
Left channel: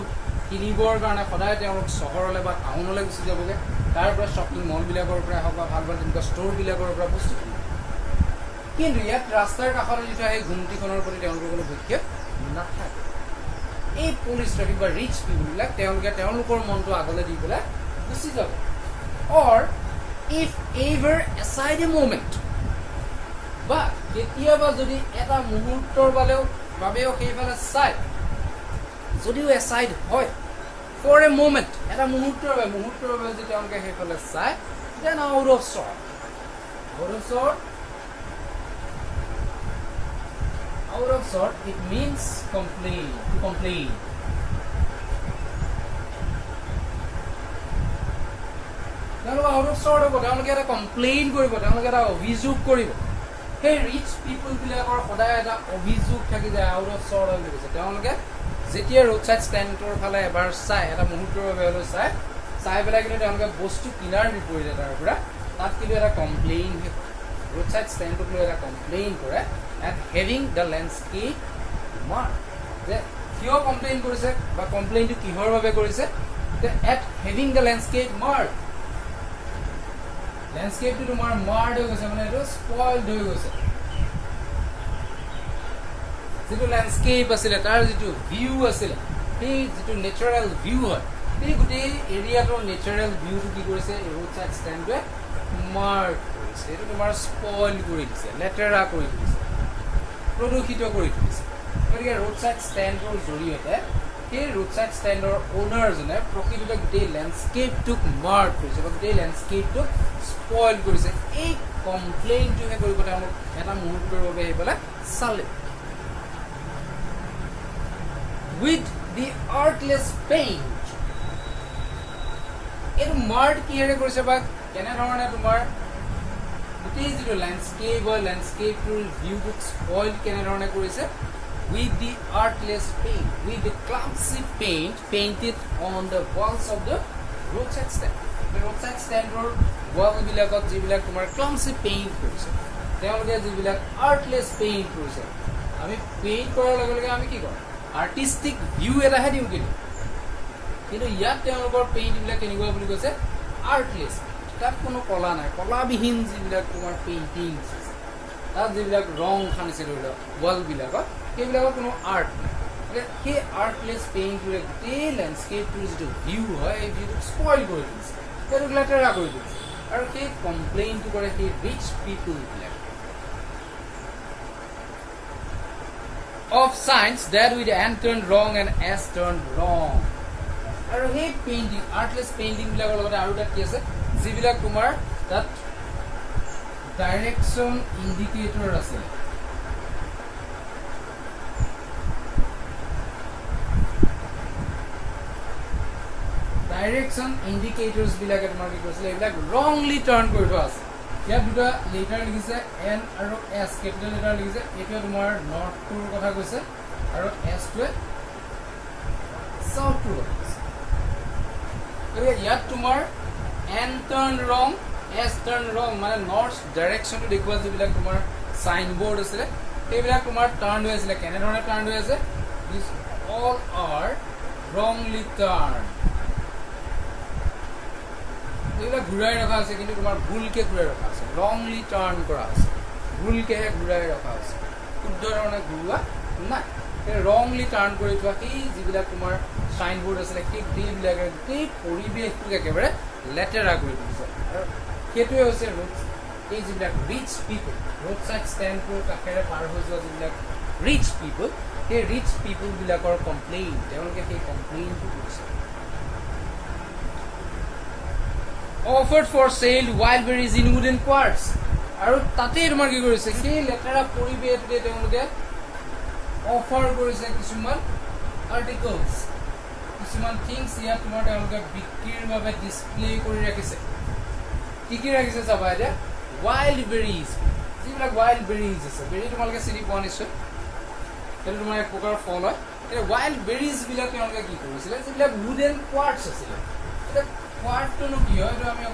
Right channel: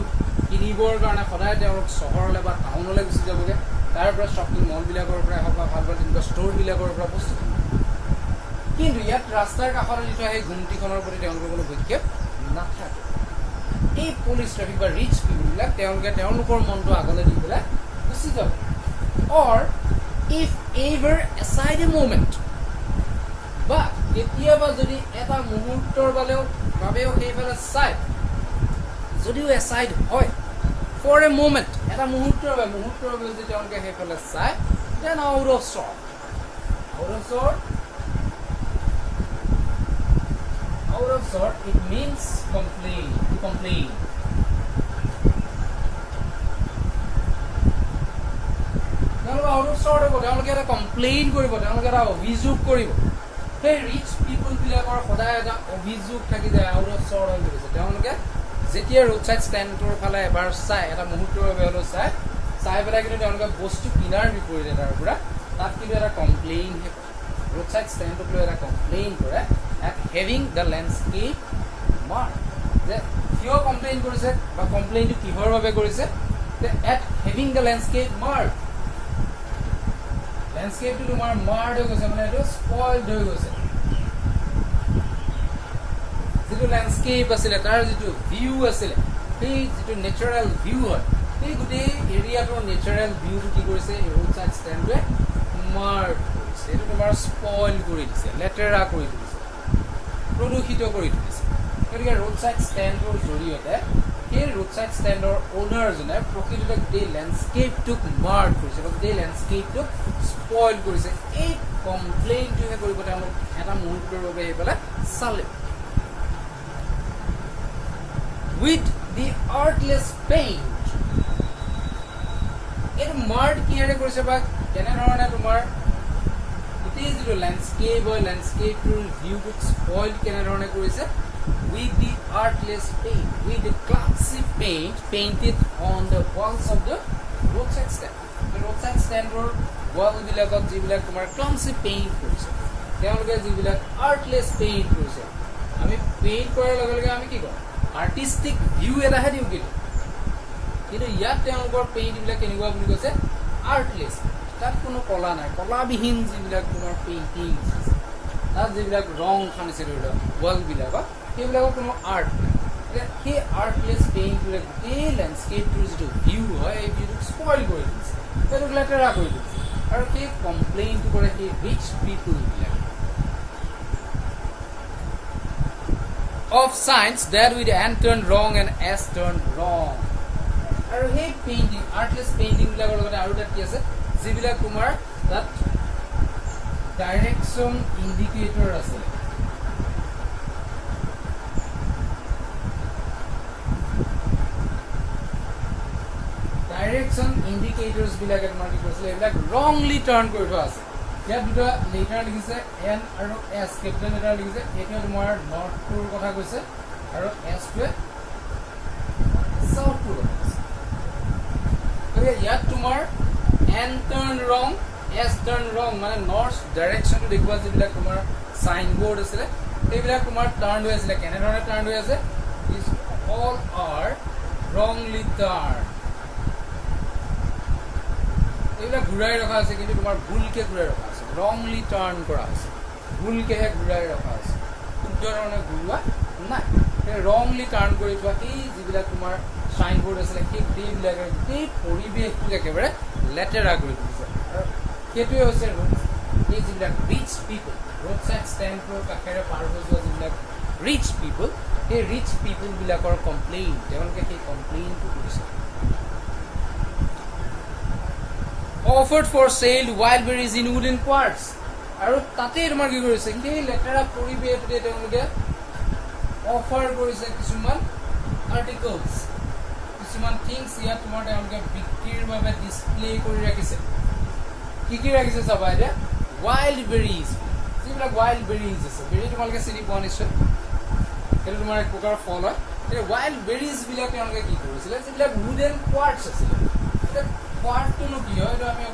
কিনিবৰ কাৰণে সদায় তেওঁলোক চহৰলৈ বা টাউনলৈ গুচি যাবগৈ তাৰ পৰা শ্বপিং মলবিলাকৰ পৰা হওক বা ভাল ভাল তেনেকুৱা ষ্ট'ৰবিলাকৰ পৰা বস্তু কিনিব কিন্তু ইয়াত ৰাস্তাৰ কাষতে যিটো সেই ঘুমটিখনৰ প্ৰতি তেওঁলোকৰ কোনো বিক্ষেপ নাথাকে এই পুলিচ ট্ৰাফিক বা ৰিচ পিপলবিলাক তেওঁলোকে তেওঁলোকৰ মনটো আগলৈ দি পেলাই গুচি যাব or if ever aside a movement বা কেতিয়াবা যদি এটা মুহূৰ্তৰ বাবেও সেইফালে চাই যদিও এছাইড হয় ফৰ এ মুভমেণ্ট এটা মুহূৰ্তৰ বাবে যদি তেওঁলোকে সেইফালে চাই then out of sort it means complain তেওঁলোকে আউট অফ চৰ্ট হ'ব তেওঁলোকে এটা কমপ্লেইন কৰিব তেওঁলোকে এটা অভিযোগ কৰিব সেই ৰিচ পিপল বিলাকৰ সদায় এটা অভিযোগ থাকি যায় আউট অফ চৰ্ট হৈ গৈছে তেওঁলোকে যেতিয়া ৰোড সাইড ষ্টেণ্ডটোৰ ফালে এবাৰ চাই এটা মুহূৰ্তৰ বাবে হ'লেও চাই পেলাই কিন্তু তেওঁলোকে বস্তু কিনাৰ বিপৰীতে তাৰ পৰা তাত কিন্তু এটা কমপ্লেইন ৰোড সাইড ষ্টেণ্ডটোক লৈ এটা কমপ্লেইন কৰে at having the landscape mark যে কিয় কমপ্লেইন কৰিছে বা কমপ্লেইনটো কিহৰ বাবে কৰিছে যে at having the landscape mark লেণ্ডস্কেপটো তোমাৰ মাৰ্ড হৈ গৈছে মানে এইটো স্পইলড হৈ গৈছে যিটো লেণ্ডস্কেপ আছিলে তাৰ যিটো ভিউ আছিলে সেই যিটো নেচাৰেল ভিউ হয় সেই গোটেই এৰিয়াটোৰ নেচাৰেল ভিউটো কি কৰিছে ৰোড সাইড ষ্টেণ্ডটোৱে মাৰ্ড কৰিছে এইটো তোমাৰ স্পইল কৰি দিছে লেতেৰা কৰি দিছে প্ৰদূষিত কৰি দিছে গতিকে ৰোড সাইড ষ্টেণ্ডটোৰ জৰিয়তে সেই ৰোড সাইড ষ্টেণ্ডৰ ওনাৰজনে প্ৰকৃততে গোটেই লেণ্ডস্কেপটোক মাৰ্ক কৰিছে বা গোটেই লেণ্ডস্কেপটোক স্পইল কৰিছে এই কমপ্লেইনটোহে কৰিব তেওঁলোক এটা মুহূৰ্তৰ বাবে আহি পেলাই চালে with the artless paint এটা মাৰ্ক কিহেৰে কৰিছে বা কেনেধৰণে তোমাৰ গোটেই যিটো লেণ্ডস্কেপটোৰ ভিউটোক স্পইল কেনেধৰণে কৰিছে with the artless paint, with the clumsy paint painted on the walls of the roadside stand. The roadside stand or wall bilakot jibilak tomar clumsy paint korise. Teologe jibilak artless paint korise. Ami paint korar loge loge ami ki kor? Artistic view eta ha diu kitu. Kintu yat teologor paint bilak kenigua buli koise artless. Tar kono kola nai. Kola bihin jibilak tomar painting. Tar jibilak rong khanise doilo wall bilakot সেইবিলাকৰ কোনো art সেই আৰ্টলেছ পেইণ্টটোৰে গোটেই লেণ্ডস্কেপটোৰ যিটো view হয় এই ভিউটোক spoil কৰি দিছে সেইটোক লেতেৰা কৰি দিছে আৰু সেই কমপ্লেইনটো কৰে সেই rich পিপুলবিলাক of signs that with and turn wrong and s turn wrong আৰু সেই পেইণ্টিং আৰ্টলেছ পেইণ্টিংবিলাকৰ লগতে আৰু এটা কি আছে যিবিলাক তোমাৰ তাত ডাইৰেকশ্যন ইণ্ডিকেটৰ আছে direction indicators bilake tomar ki koisile ebilak wrongly turn kori thua ase ya duta letter likhise n aru s capital letter likhise eta tomar north tur kotha koise aru s to south tur kore ya tomar n turn wrong s turn wrong mane north direction to dekhwa jibilak tomar sign board asile ebilak tomar turn hoye asile kene dhorone turn hoye ase these all are wrongly turned এগুলা ঘুরাই রাখা আছে কিন্তু তোমার ভুলকে ঘুরাই রাখা আছে রংলি টার্ন করা আছে ভুলকে ঘুরাই রাখা আছে কিন্তু ধৰণে ঘুৰুৱা নাই ৰংলি টাৰ্ন কৰি থোৱা এই যিবিলাক তোমাৰ সাইন বোৰ্ড আছে সেইবিলাকে এই পৰিৱেশটো একেবাৰে লেতেৰা কৰি দিছে আৰু সেইটোৱে হৈছে এই যিবিলাক ৰিচ পিপল ৰোড সাইড ষ্টেণ্ডৰ কাষেৰে পাৰ হৈ যোৱা যিবিলাক ৰিচ পিপল সেই ৰিচ পিপল বিলাকৰ কমপ্লেইন তেওঁলোকে সেই কমপ্লেইনটো কৰিছে offered for sale wild berries in wooden quarts aru tate tomar ki korise sei letera poribete teologe offer korise kisuman articles kisuman things ya tomar teologe bikrir babe display kori rakhise ki rakhise sabai ja wild berries jibilak wild berries ase berry tomaloge sini ponishe etu tomar ek prokar fol hoy e wild berries bilak teologe ki korisile jibilak wooden quarts asile quarts to no ki hoy to ami